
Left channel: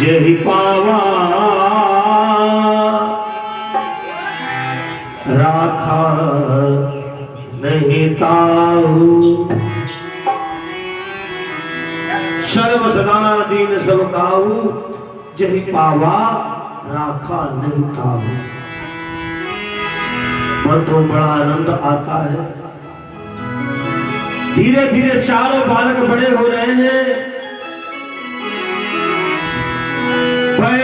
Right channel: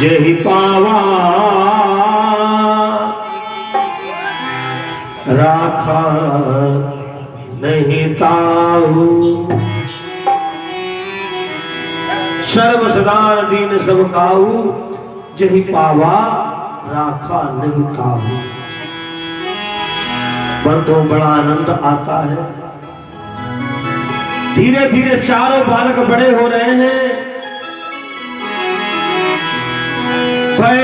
जेहि पावा राखा नहीं ताहू। सर्वसदान दीन सब काहू जेहि पावा राखा नहीं ताहू। मन तो बड़ा आनंद आता है। धीरे धीरे चारों बालक बड़े हो रहे हैं। भय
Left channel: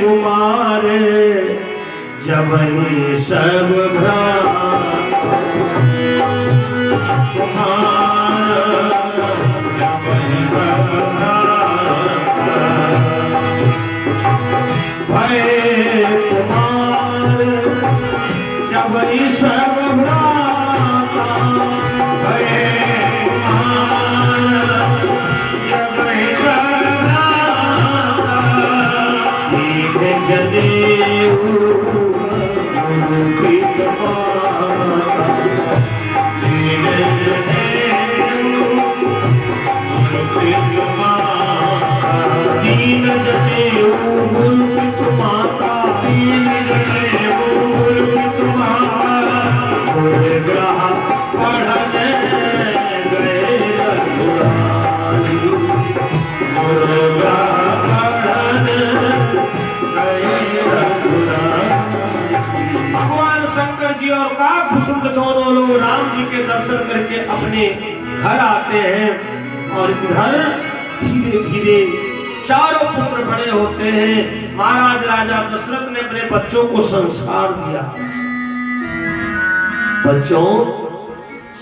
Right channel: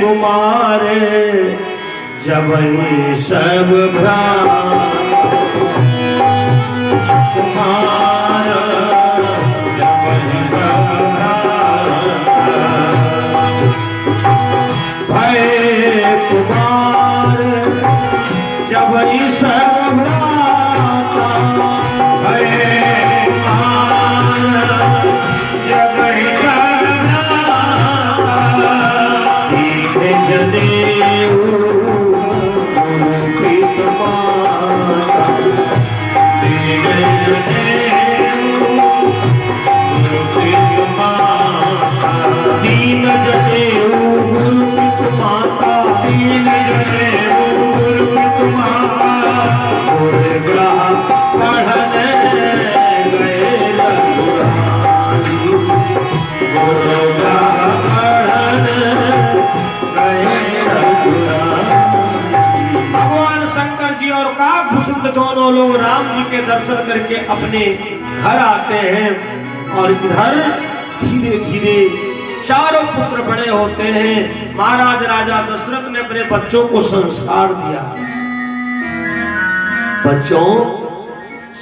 कुमारे जब ही सब दोनों लोग राम जी के दर्शन करके अपने घर आते हैं और इधर धीरे धीरे चारों पुत्र बड़े होते हैं। महाराज राजा दशरथ ने अपने बच्चों को संस्कार दिया। बच्चों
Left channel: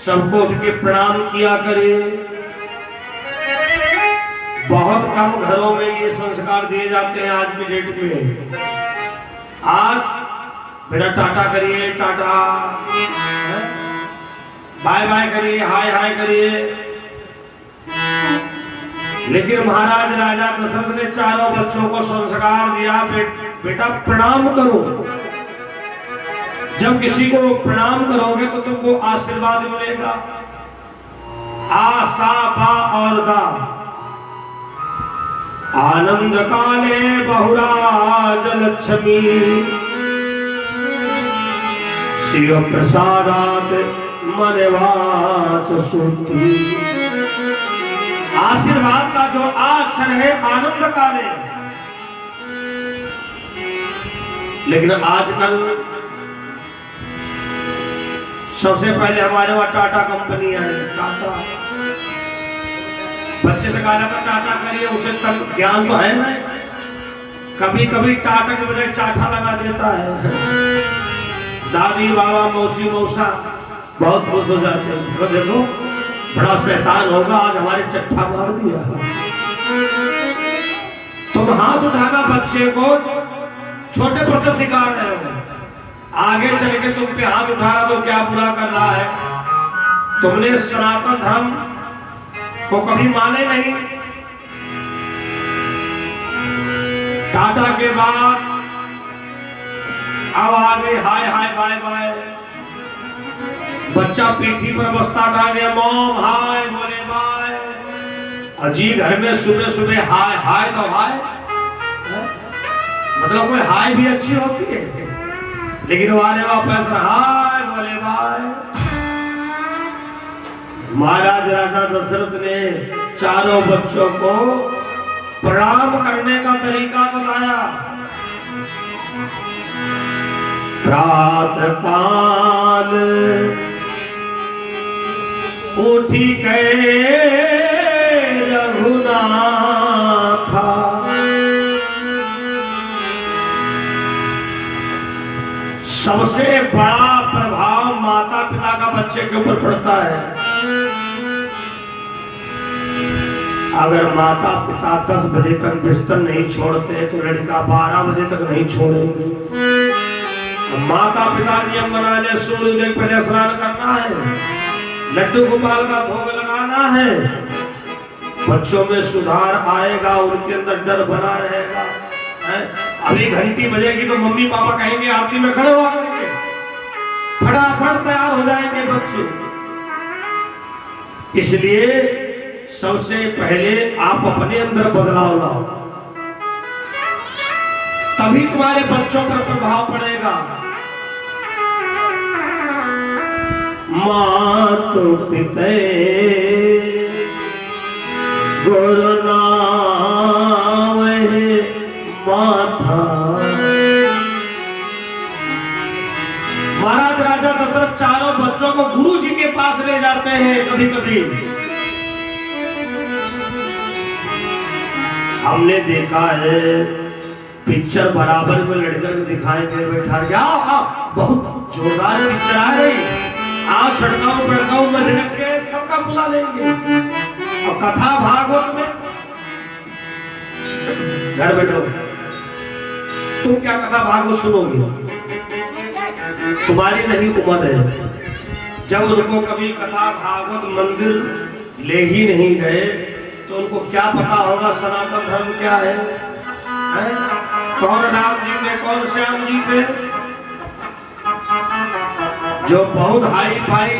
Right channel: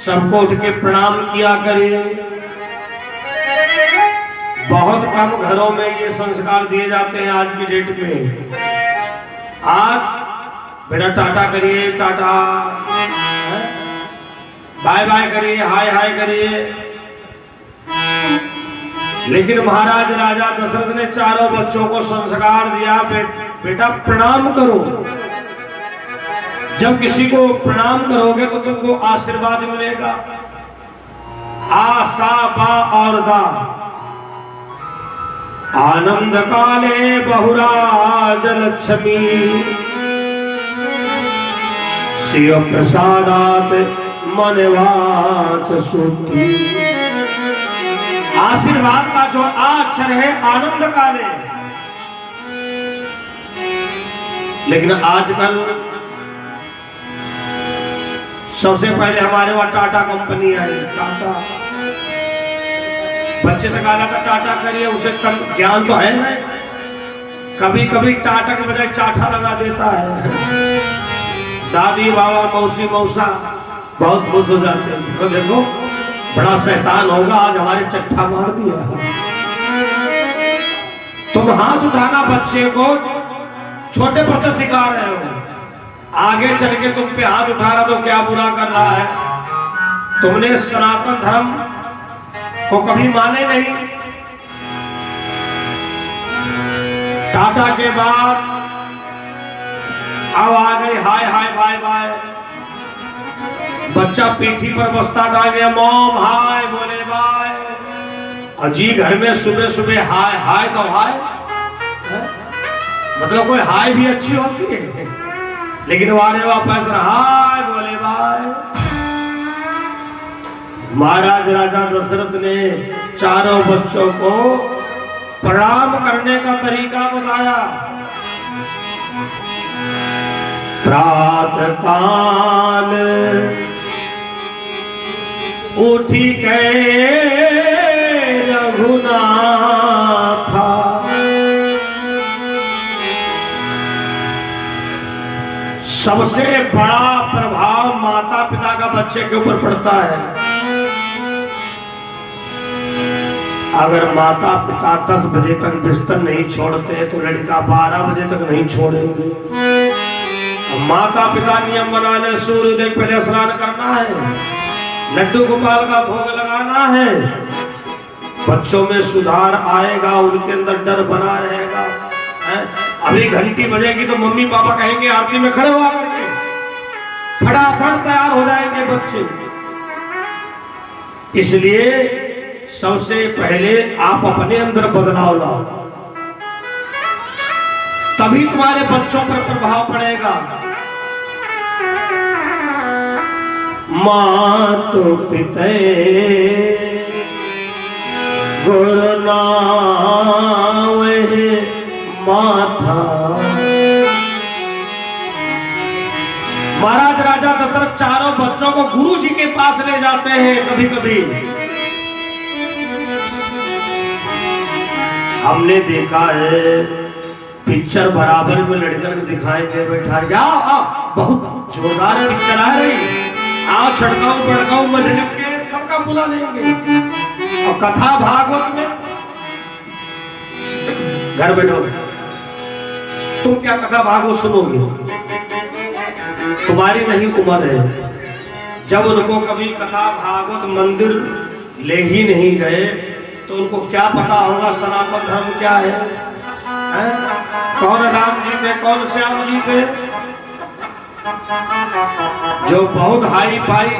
सबको उठ के प्रणाम किया करे। बहुत कम घरों में ये संस्कार दिए जाते हैं आज की डेट में। आज बेटा टाटा करिए, टाटा बाय बाय करिए, हाय हाय करिए। लेकिन महाराज राजा दशरथ ने चारों बच्चों को संस्कार दिया, बेटा प्रणाम करो। जब किसी को प्रणाम करोगे तो तुमको आशीर्वाद मिलेगा। आ सा बा और दा आनंद काले बहुराज लक्ष्मी शिव प्रसादात मनवाच सुती। आशीर्वाद का जो अक्षर है आनंद काले। लेकिन आजकल सबसे पहले हमारे वहां टाटा कंपनी आई। टाटा बच्चे से कहा जाता टाटा करिए, उसे ज्ञान तो है ना। कभी कभी टाटा की बजाय चाठा लगा देता है। दादी बाबा मौसी मौसा बहुत खुश हो जाते हैं। तो देखो बड़ा शैतान होगा, आज हमारी चट्ठा मार दिया। तुम हाथ उठाना बच्चे को छोटे पर से सिखा रहे हो, आगे चल के तुम पे हाथ उठा रहा तो क्या बुरा कर रहा है। तुमने सनातन धर्म को कभी माने नहीं। टाटा के बाद अब आ गई हाय हाय बाय बाय। बच्चा पीठी पर बस्ता डाल गया, मॉम हाय बोले बाय। अजी घर में सुबह सुबह हाय हाय तो हाय मतलब कोई हाय भी अच्छी होती है, लेकिन वाले वापस हाय बोले बाय। महाराज राजा दशरथ ने चारों बच्चों को प्रणाम करने का तरीका बताया। प्रातः काल उठी के रघुनाथा सबसे बड़ा प्रभाव माता पिता का बच्चे के ऊपर पड़ता है। अगर माता पिता 10 बजे तक बिस्तर नहीं छोड़ते हैं तो लड़का 12 बजे तक नहीं छोड़ेंगे। माता पिता नियम बना ले, सूर्योदय पहले स्नान करना है, लड्डू गोपाल का भोग लगाना है। बच्चों में सुधार आएगा, उनके अंदर डर बना रहेगा। अभी घंटी बजेगी तो मम्मी पापा कहेंगे आरती में खड़े हुआ करके, फटाफट तैयार हो जाएंगे बच्चे। इसलिए सबसे पहले आप अपने अंदर बदलाव लाओ, तभी तुम्हारे बच्चों पर प्रभाव पड़ेगा। मातु पिते गुरु नाम माथा। महाराज राजा दशरथ चारों बच्चों को गुरु जी के पास ले जाते हैं। कभी कभी हमने देखा है, पिक्चर बराबर में लड़कर के दिखाएंगे, बैठा आओ बहुत जोरदार पिक्चर आ रही, आओ छड़काऊ बड़काऊ मजहब के सबका बुला लेंगे। और कथा भागवत में घर बैठो, तुम क्या कथा भागवत सुनोगे? तुम्हारी नहीं उम्र है। जब उनको कभी कथा भागवत मंदिर ले ही नहीं गए तो उनको क्या पता होगा सनातन धर्म क्या है? कौन राम जी थे, कौन श्याम जी थे? जो बहुत हाई फाई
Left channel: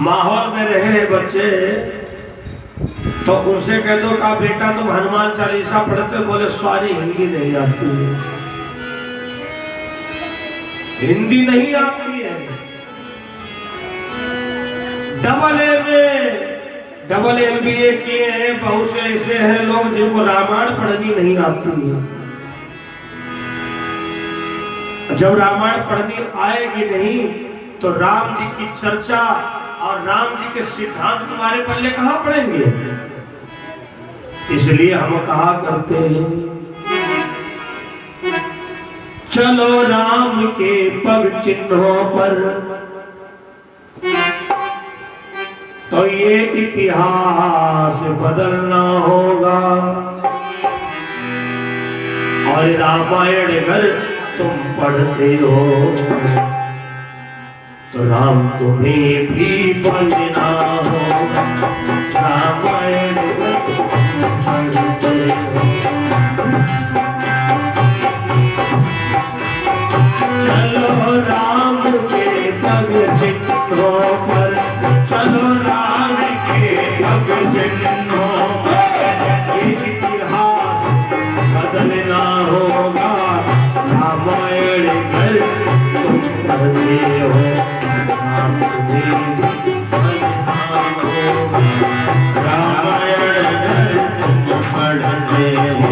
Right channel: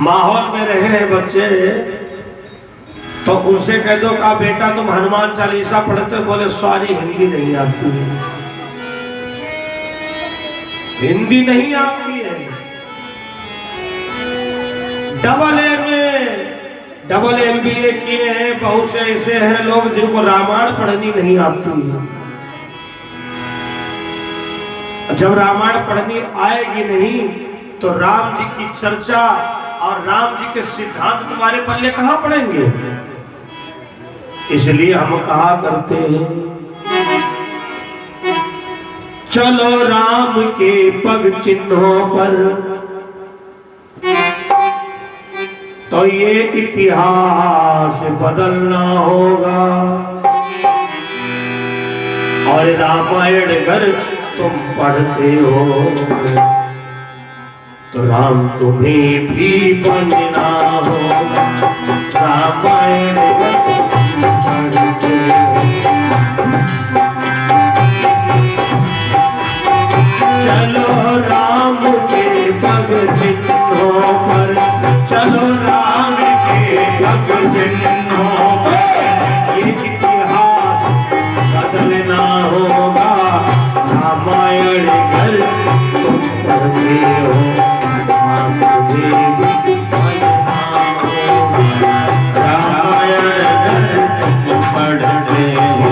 माहौल में रहे हैं बच्चे, तो उनसे कह दो का बेटा तुम हनुमान चालीसा पढ़ते, बोले सॉरी हिंदी नहीं आती है, हिंदी नहीं आती है। डबल MBA किए हैं, बहुत से ऐसे हैं लोग जिनको रामायण पढ़नी नहीं आती है। जब रामायण पढ़नी आएगी नहीं तो राम जी की चर्चा और राम जी के सिद्धांत तुम्हारे पल्ले कहां पड़ेंगे? इसलिए हम कहा करते हैं चलो राम के पग चिन्हों पर, तो ये इतिहास बदलना होगा। और रामायण अगर तुम पढ़ते हो तो राम तुम्हें भी बनना होगा। रामायण अगर तुम पढ़ते हो, चलो राम के पग चिन्हों पर, चलो राम के पग चिन्हों पर, ये इतिहास बदलना होगा। रामायण अगर तुम पढ़ते हो, राम तुम्हें भी बनना होगा। रामायण अगर तुम पढ़ते हो,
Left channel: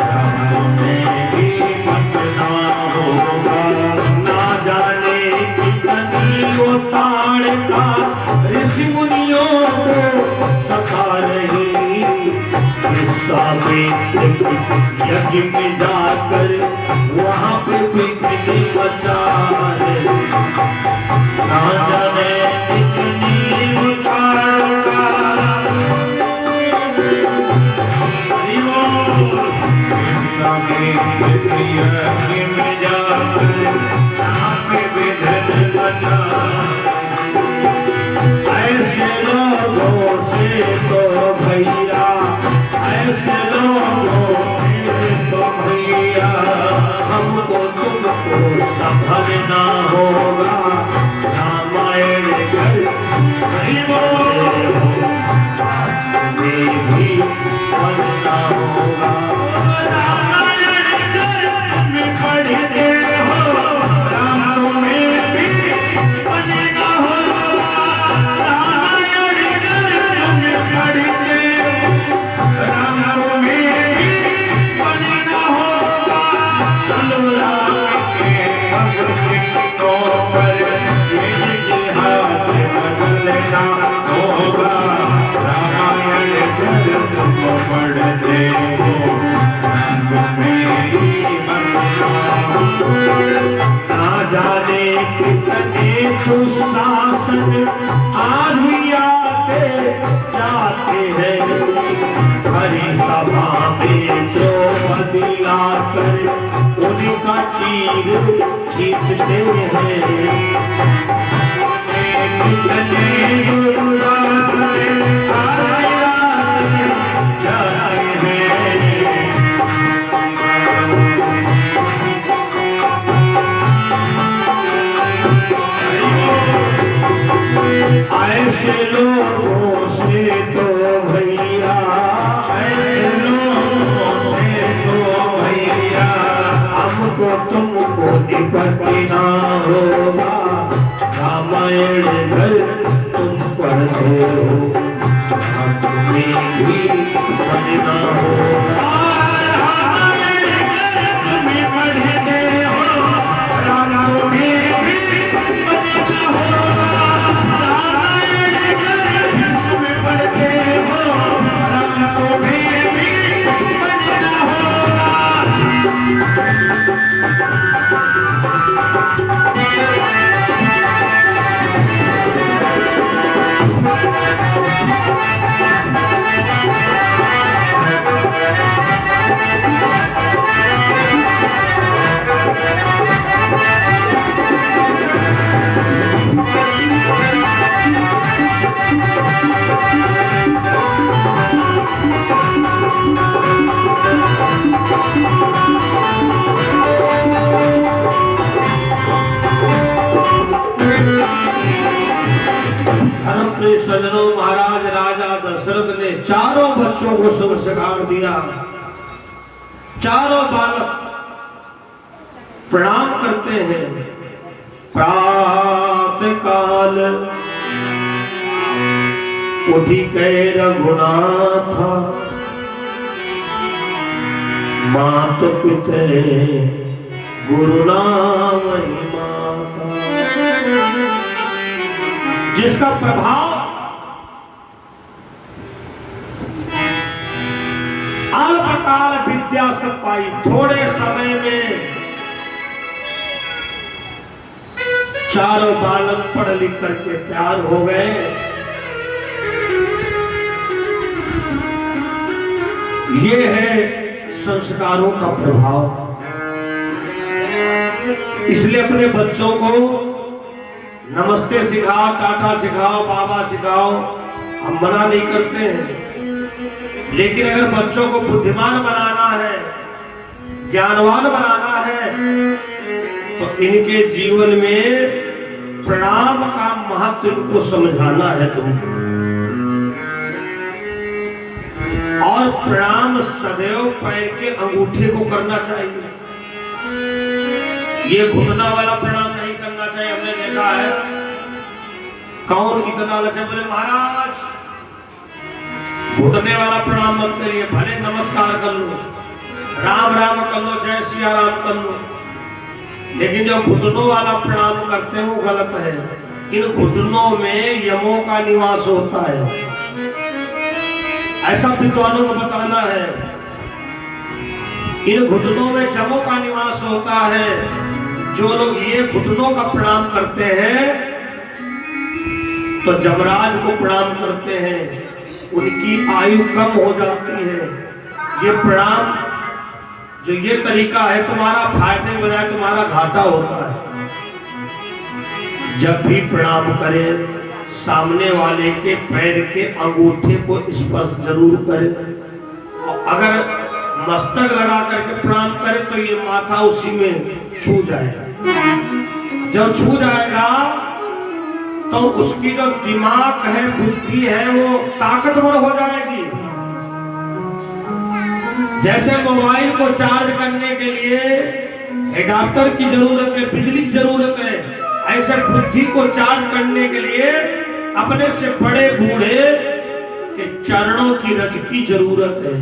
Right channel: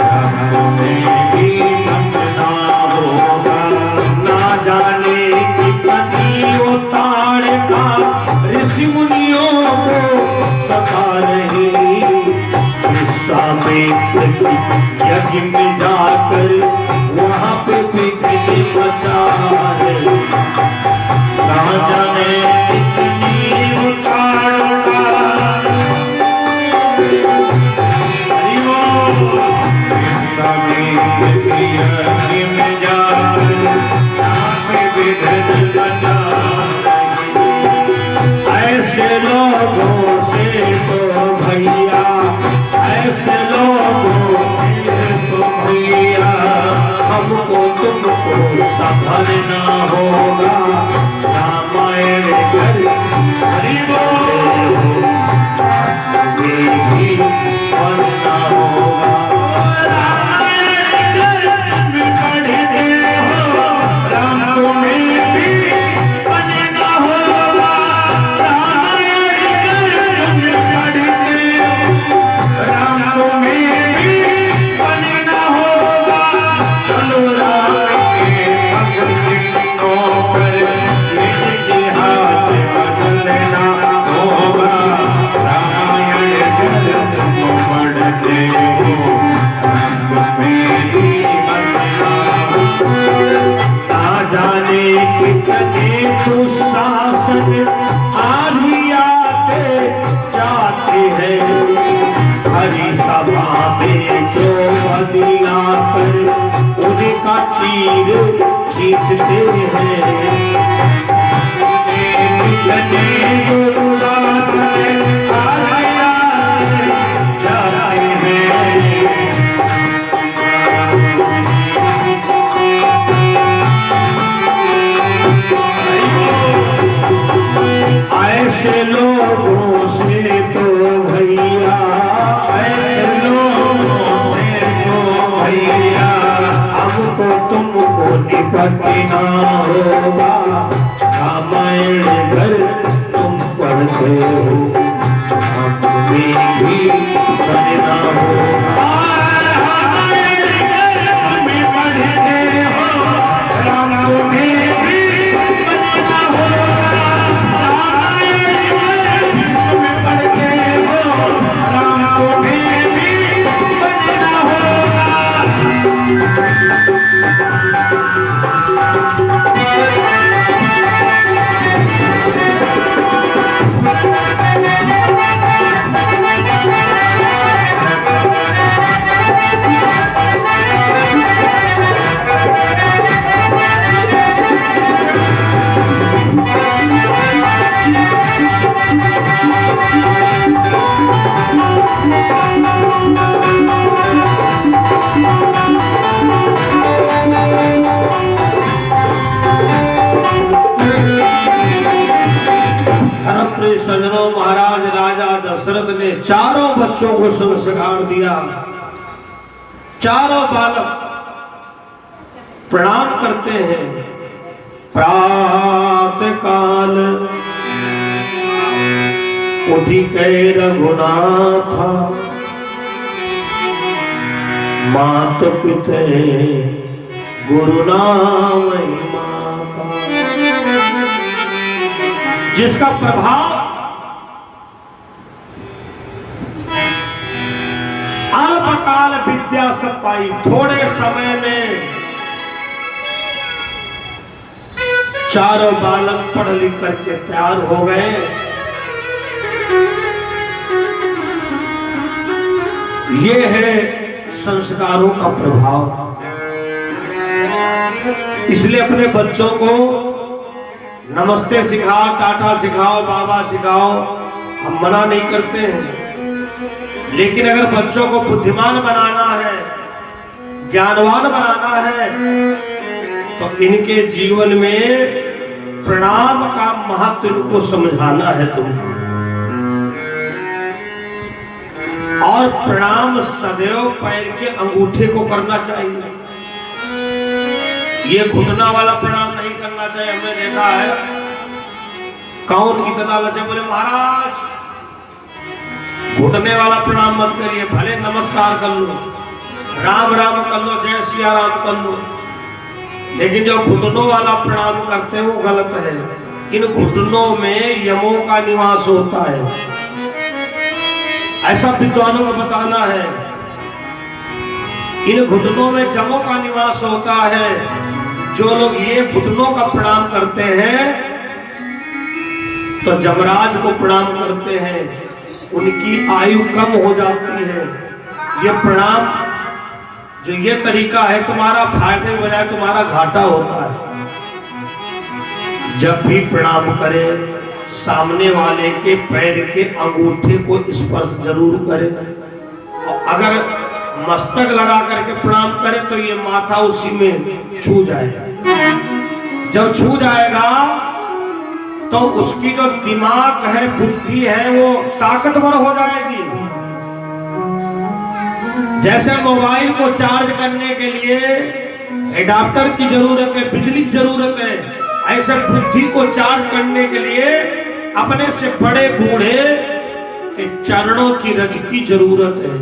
राम तुम्हें भी बनना होगा। ना जाने कितनी वो ताड़ना ऋषि मुनियों को सता रही, यज्ञ में जाकर वहां पे बिगड़े बचा रहे। ना जाने कितनी वो ताड़ना यज्ञ में जाकर वहां पे बिगड़े बचा रहे। ऐसे लोगों से तो भैया, ऐसे लोगों से तो भैया हमको तुमको संभलना होगा। रामायण अगर पढ़ते हो, तुम्हें भी बनना होगा। रामायण अगर तुम पढ़ते हो, राम तुम्हें भी बनना होगा। रामायण अगर तुम पढ़ते हो, राम तुम्हें भी बनना होगा। चलो राम के पग चिन्हों पर, ये इतिहास बदलना होगा। रामायण अगर तुम पढ़ते हो, राम तुम्हें भी बनना होगा। ना जाने कितने कुशासक आधी आते जाते हैं, हरी सभा में जो बदला कर उनका चीर खींचते हैं। कितने गुरुरात में जाते हैं, कठिना होगा, रामायण घर तुम पढ़ते हो, हमें भी पढ़ना होगा। रामायण घर तुम्हें पढ़ते हो, राम में भी पढ़ना होगा। रामायण घर तुम्हें पढ़ते हो, राम में भी पढ़ना होगा। सज्जनों, महाराज राजा दशरथ ने चारों बच्चों को संस्कार दिया। चारों बालक प्रणाम करते हैं। प्रातः काल उठी कै रघुनाथा, मात पिते गुरु नाम माता। जिसका प्रभाव अल्पकाल विद्या सब पाई, थोड़े समय में चारों बालक पढ़ लिख करके तैयार हो गए। ये है संस्कारों का प्रभाव। इसलिए अपने बच्चों को नमस्ते सिखाओ, टाटा सिखाओ, बाबा सिखाओ, हम मना नहीं करते हैं। लेकिन अगर बच्चों को बुद्धिमान बनाना है, ज्ञानवान बनाना है, तो इनके जीवन में प्रणाम का महत्व इनको समझाना है तुमको। और प्रणाम सदैव पैर के अंगूठे को करना चाहिए। ये घुटना वाला प्रणाम नहीं करना चाहिए। हमने देखा है कौन कितना लचे, बोले महाराज घुटने वाला प्रणाम मत करिए, भले नमस्कार कर लो, राम राम कर लो, जय सिया राम कर लो, लेकिन जो घुटनों वाला प्रणाम करते हैं वो गलत है। इन घुटनों में यमों का निवास होता है, ऐसा विद्वानों को बताना है। इन घुटनों में यमों का निवास होता है। जो लोग ये घुटनों का प्रणाम करते हैं तो जमराज को प्रणाम करते हैं, उनकी आयु कम हो जाती है। ये प्रणाम जो ये तरीका है तुम्हारा फायदे के बजाय तुम्हारा घाटा होता है। जब भी प्रणाम करें सामने वाले के पैर के अंगूठे को स्पर्श जरूर करें। और अगर मस्तक लगा करके प्रणाम करें तो ये माथा उसी में छू जाएगा। जब छू जाएगा तो उसकी जो दिमाग है, बुद्धि है, वो ताकतवर हो जाएगी। जैसे मोबाइल को चार्ज करने के लिए एडाप्टर की जरूरत है, बिजली की जरूरत है, ऐसे बुद्धि को चार्ज करने के लिए अपने से बड़े बूढ़े के चरणों की रज की जरूरत है।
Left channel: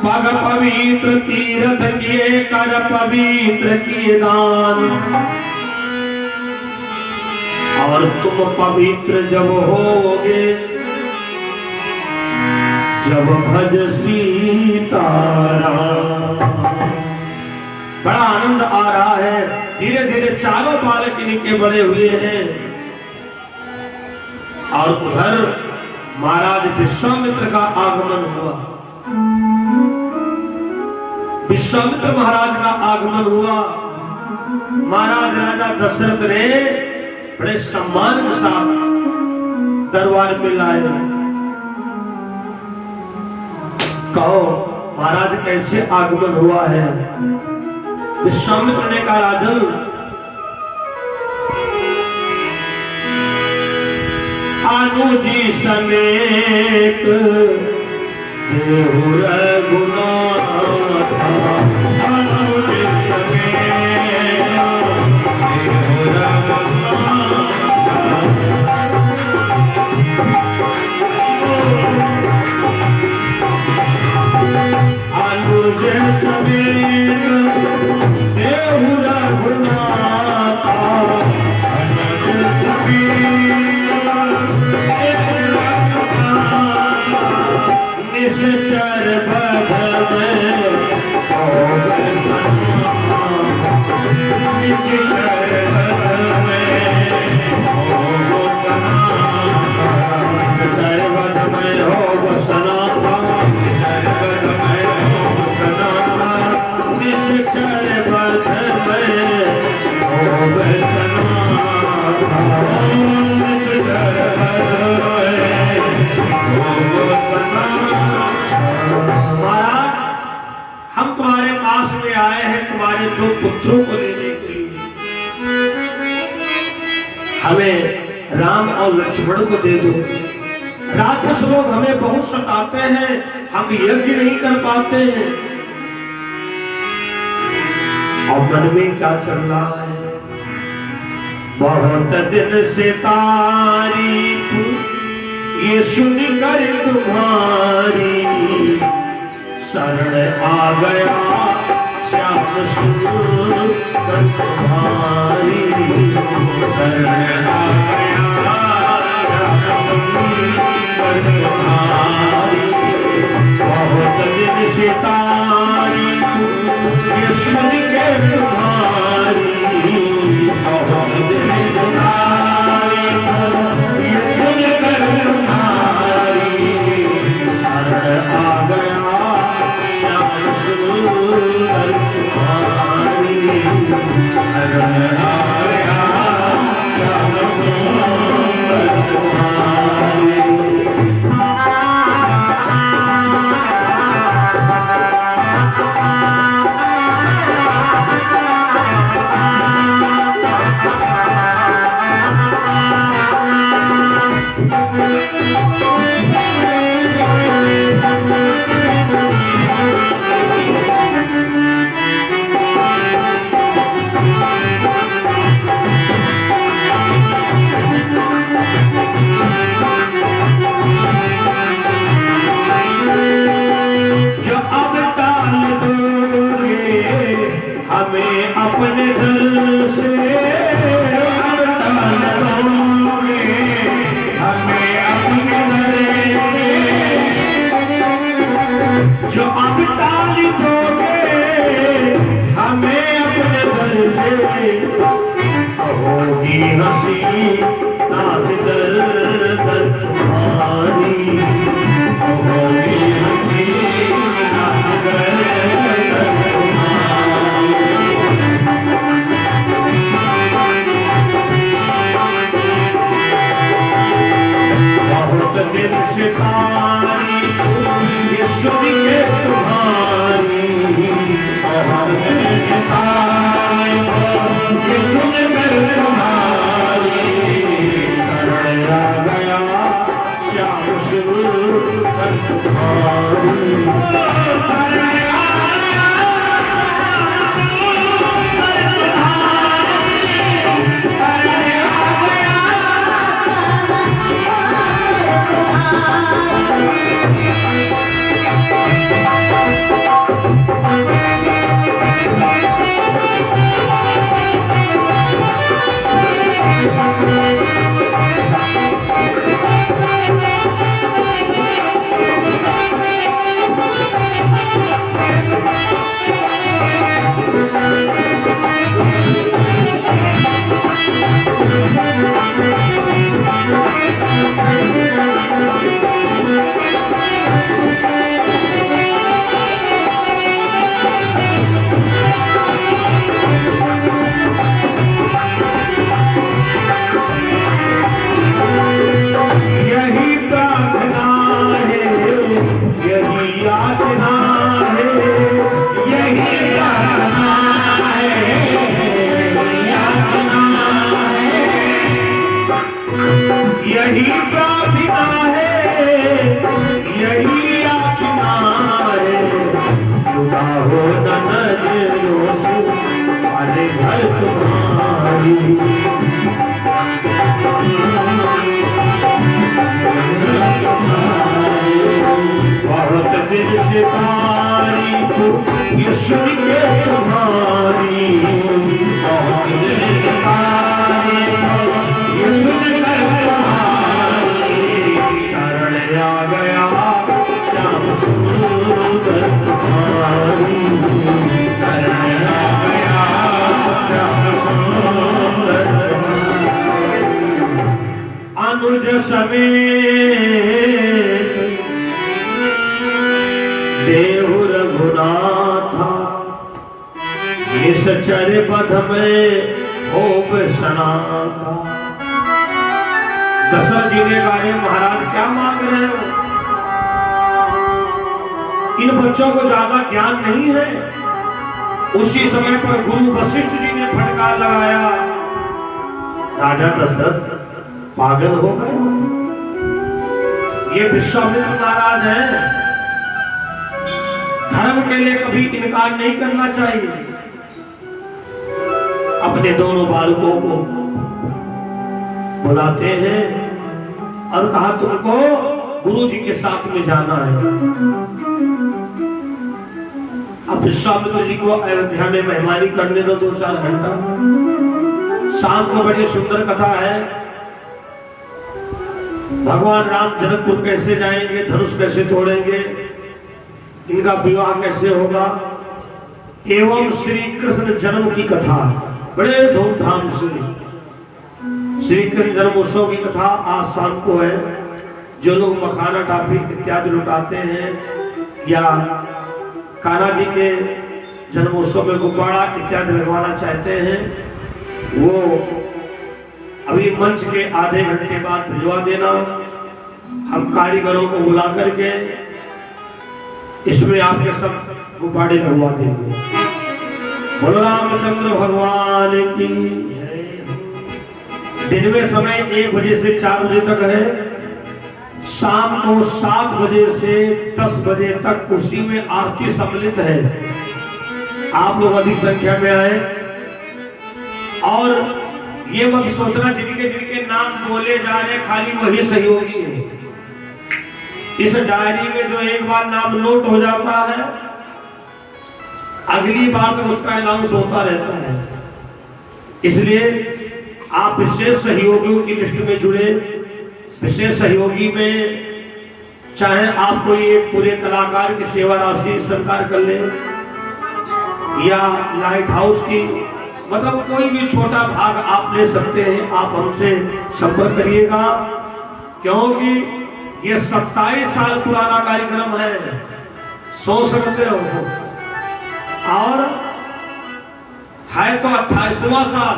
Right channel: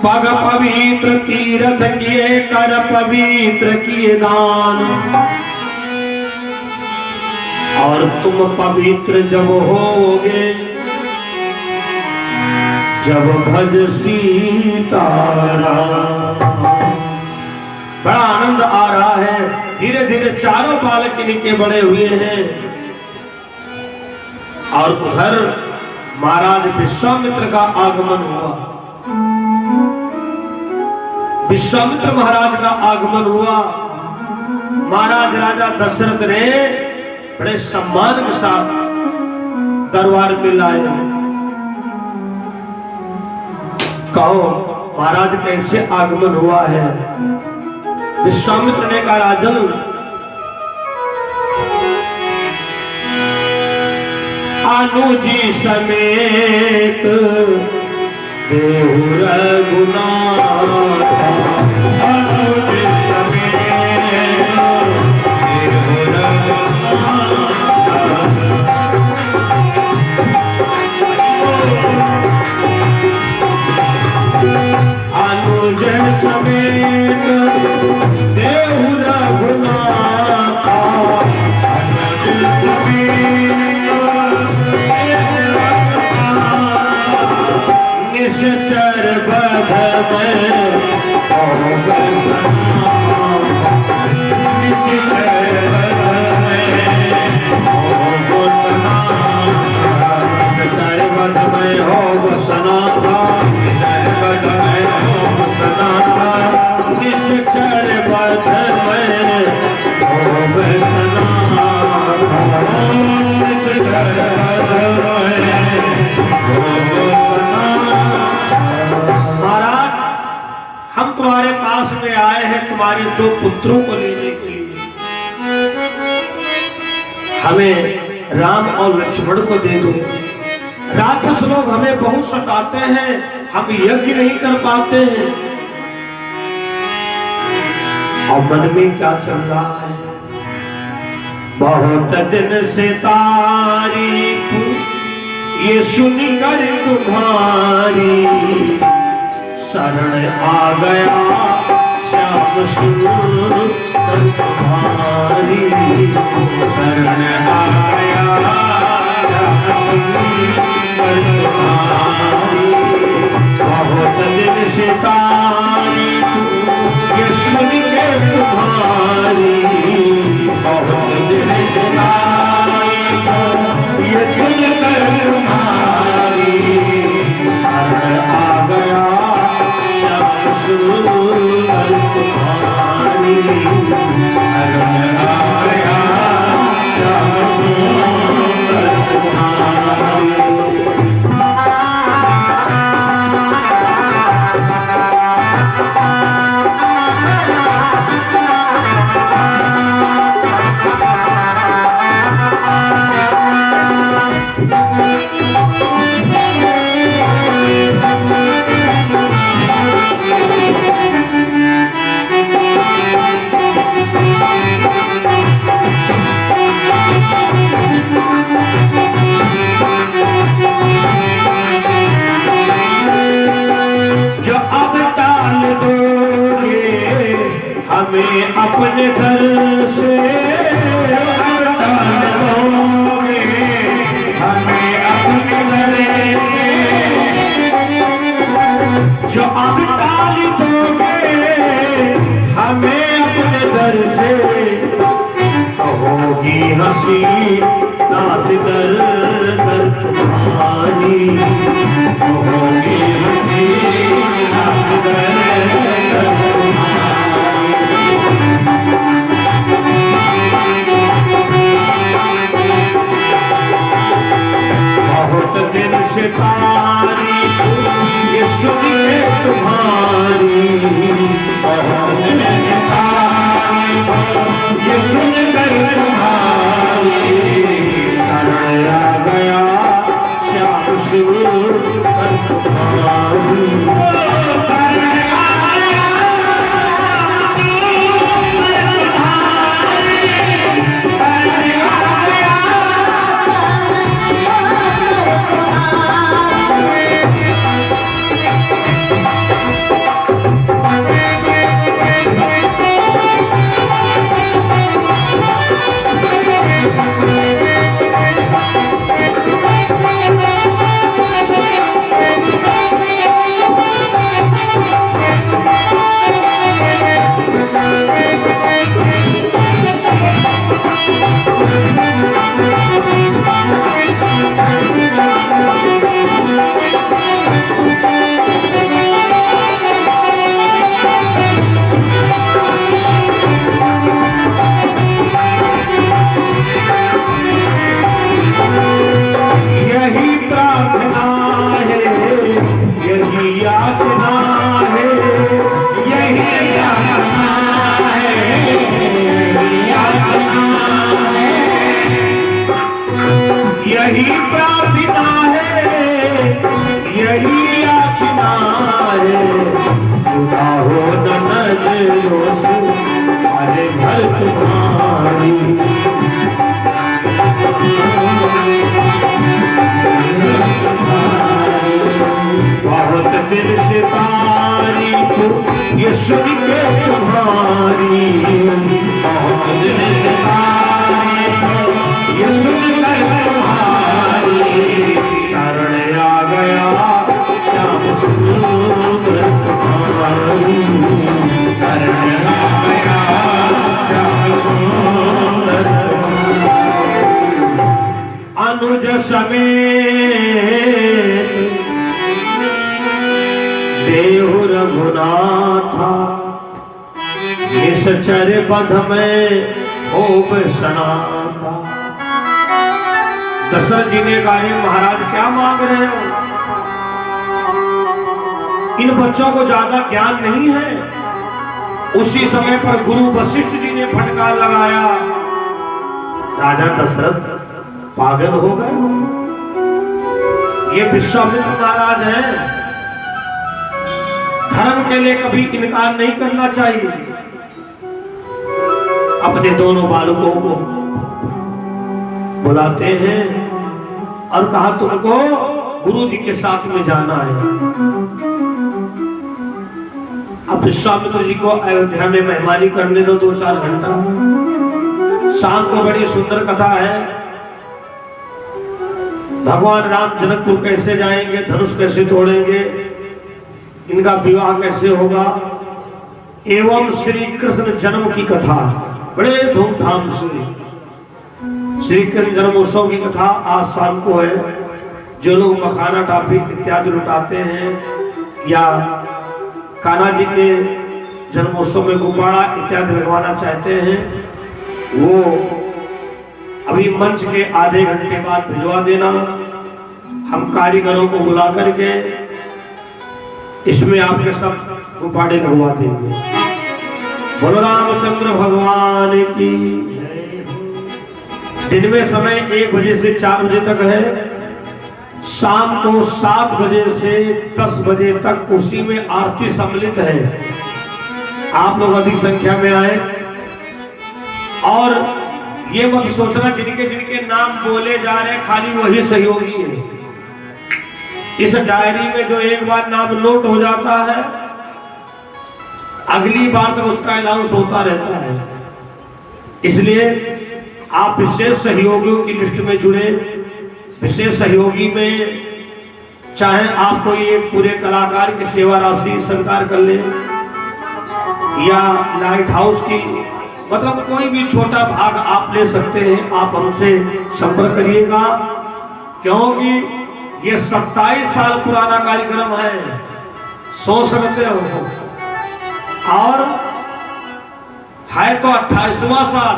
पग पवित्र तीर्थ किए, कर पवित्र किए दान, और तुम पवित्र जब होगे जब भज सीताराम। बड़ा आनंद आ रहा है। धीरे धीरे चारों बालक इनके बड़े हुए हैं। और उधर महाराज विश्वामित्र का आगमन हुआ। विश्वामित्र महाराज का आगमन हुआ। महाराज राजा दशरथ ने बड़े सम्मान के साथ दरबार में लाए। कहो महाराज कैसे आगमन हुआ है? विश्वामित्र ने कहा राजन, अनुजी समेत देहु रघुनाथ, अनुजी निश्चर बध में हो बसना, निश्चर बध में हो बसना, निश्चर बध में हो बसना, निश्चर बध में हो बसना, निश्चर बध में हो बसना, निश्चर बध महाराज, हम तुम्हारे पास में आए हैं तुम्हारे 2 पुत्रों को लेने के लिए। हमें राम और लक्ष्मण को दे दो। राक्षस लोग हमें बहुत सताते हैं, हम यज्ञ नहीं कर पाते हैं। और मन में क्या चल रहा है? बहुत दिन से तारीफ ये सुनकर तुम्हारी, शरण आ गया श्याम सुंदर तुम्हारी, शरण आ गया श्याम सुंदर तुम्हारी। बहुत दिन से तारीफ ये सुनकर तुम्हारी, बहुत दिन से तारीफ ये सुनकर तुम्हारी, शरण आ गया श्याम सुंदर तुम्हारी, शरण आ गया श्याम सुंदर तुम्हारी। हमें अपने घर से टाल दोगे, हमें अपने घर से जो अब टाल दोगे, हमें अपने घर से होगी हंसी नाथ दर दर तुम्हारी, होगी हंसी नाथ दर दर दिन से तारीफ ये सुन के तुम्हारी, बहुत दिन से तारीफ ये सुन कर तुम्हारी, शरण आ गया श्याम सुंदर तुम्हारी, शरण आ गया यही प्रार्थना है, यही याचना है, जुदा हो न नजरों से अरे घर तुम्हारी, बहुत दिल से तारीफ ये सुन के तुम्हारी, बहुत दिल से तारीफ ये सुन कर तुम्हारी, शरण आ गया श्याम समेत देहु रघुनाथा निश्चर बध में होब सनाता। दशरथ जी ने कहा महाराज क्या मांग रहे हो? इन बच्चों को ज्यादा ज्ञान नहीं है। उसी समय पर गुरु वशिष्ठ जी ने फटकार लगाया, राजा दशरथ पागल हो गए, ये विश्वामित्र महाराज हैं, धर्म के लिए कभी इनकार नहीं करना चाहिए। अपने दोनों बालकों को बुलाते हैं और कहा तुमको गुरु जी के साथ में जाना है। अब विश्वामित्र जी को अयोध्या में मेहमानी करने दो 2-4 घंटा। शाम को बड़ी सुंदर कथा है, भगवान राम जनकपुर कैसे जाएंगे, धनुष कैसे तोड़ेंगे, इनका विवाह कैसे होगा, एवं श्री कृष्ण जन्म की कथा बड़े धूमधाम से। श्री कृष्ण जन्मोत्सव की कथा आज शाम को है। जो लोग मखाना टाफी इत्यादि लुटाते हैं या कान्हा जी के जन्मोत्सव में गुब्बारा इत्यादि लगवाना चाहते हैं, वो अभी मंच के आधे घंटे बाद भिजवा देना। हम कारीगरों को बुला करके इसमें आपके सब गुब्बारे लगवा देंगे। बोलो रामचंद्र भगवान की। दिन में समय 1 बजे से 4 बजे तक है, शाम को 7 बजे से 10 बजे तक उसी में आरती सम्मिलित है। आप लोग अधिक संख्या में आए और ये मत सोचना जिनके जिनके नाम बोले जा रहे खाली वही सहयोगी है। इस डायरी में जो एक बार नाम नोट हो जाता है, अगली बार तक उसका अनाउंस होता रहता है। इसलिए आप विशेष सहयोगियों की लिस्ट में जुड़े। विशेष सहयोगी में चाहे आपको ये पूरे कलाकार की सेवा राशि स्वीकार कर ले या लाइट हाउस की, मतलब कोई भी छोटा भाग आप ले सकते हैं। आप हमसे संपर्क करिएगा, क्योंकि ये 27 साल पुराना कार्यक्रम है, सोच सकते हो। और है तो 28वां साल,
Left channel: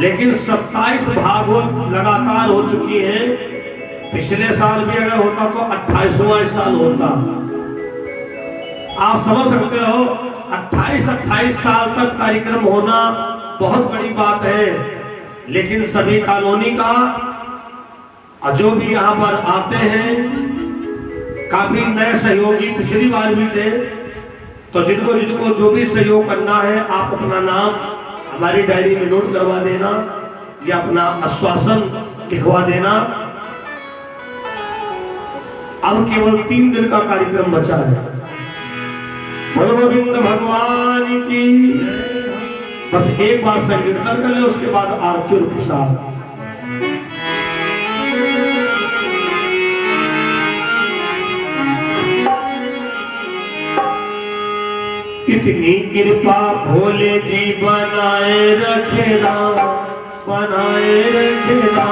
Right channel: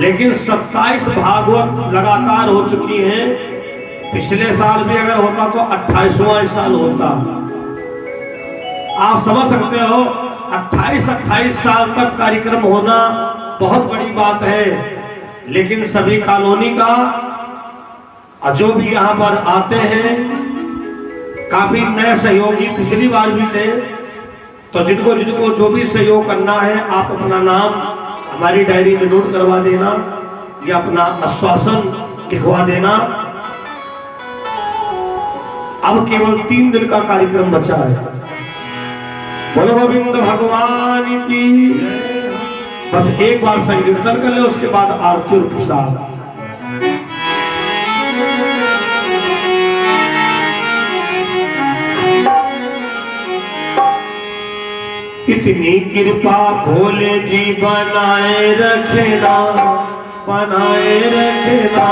लेकिन 27 भागवत लगातार हो चुकी हैं। पिछले साल भी अगर होता तो 28वां साल होता। आप समझ सकते हो 28 साल तक कार्यक्रम होना बहुत बड़ी बात है। लेकिन सभी कॉलोनी का जो भी यहाँ पर आते हैं, काफी नए सहयोगी पिछली बार भी थे, तो जिनको जिनको जो भी सहयोग करना है आप अपना नाम हमारी डायरी में नोट करवा देना या अपना आश्वासन लिखवा देना। अब केवल 3 दिन का कार्यक्रम बचा है। बोलो गोविंद भगवान की। बस एक बार संकीर्तन कर ले, उसके बाद आरती और प्रसाद। इतनी कृपा भोले जी बनाए रखेना, बनाए रखेना।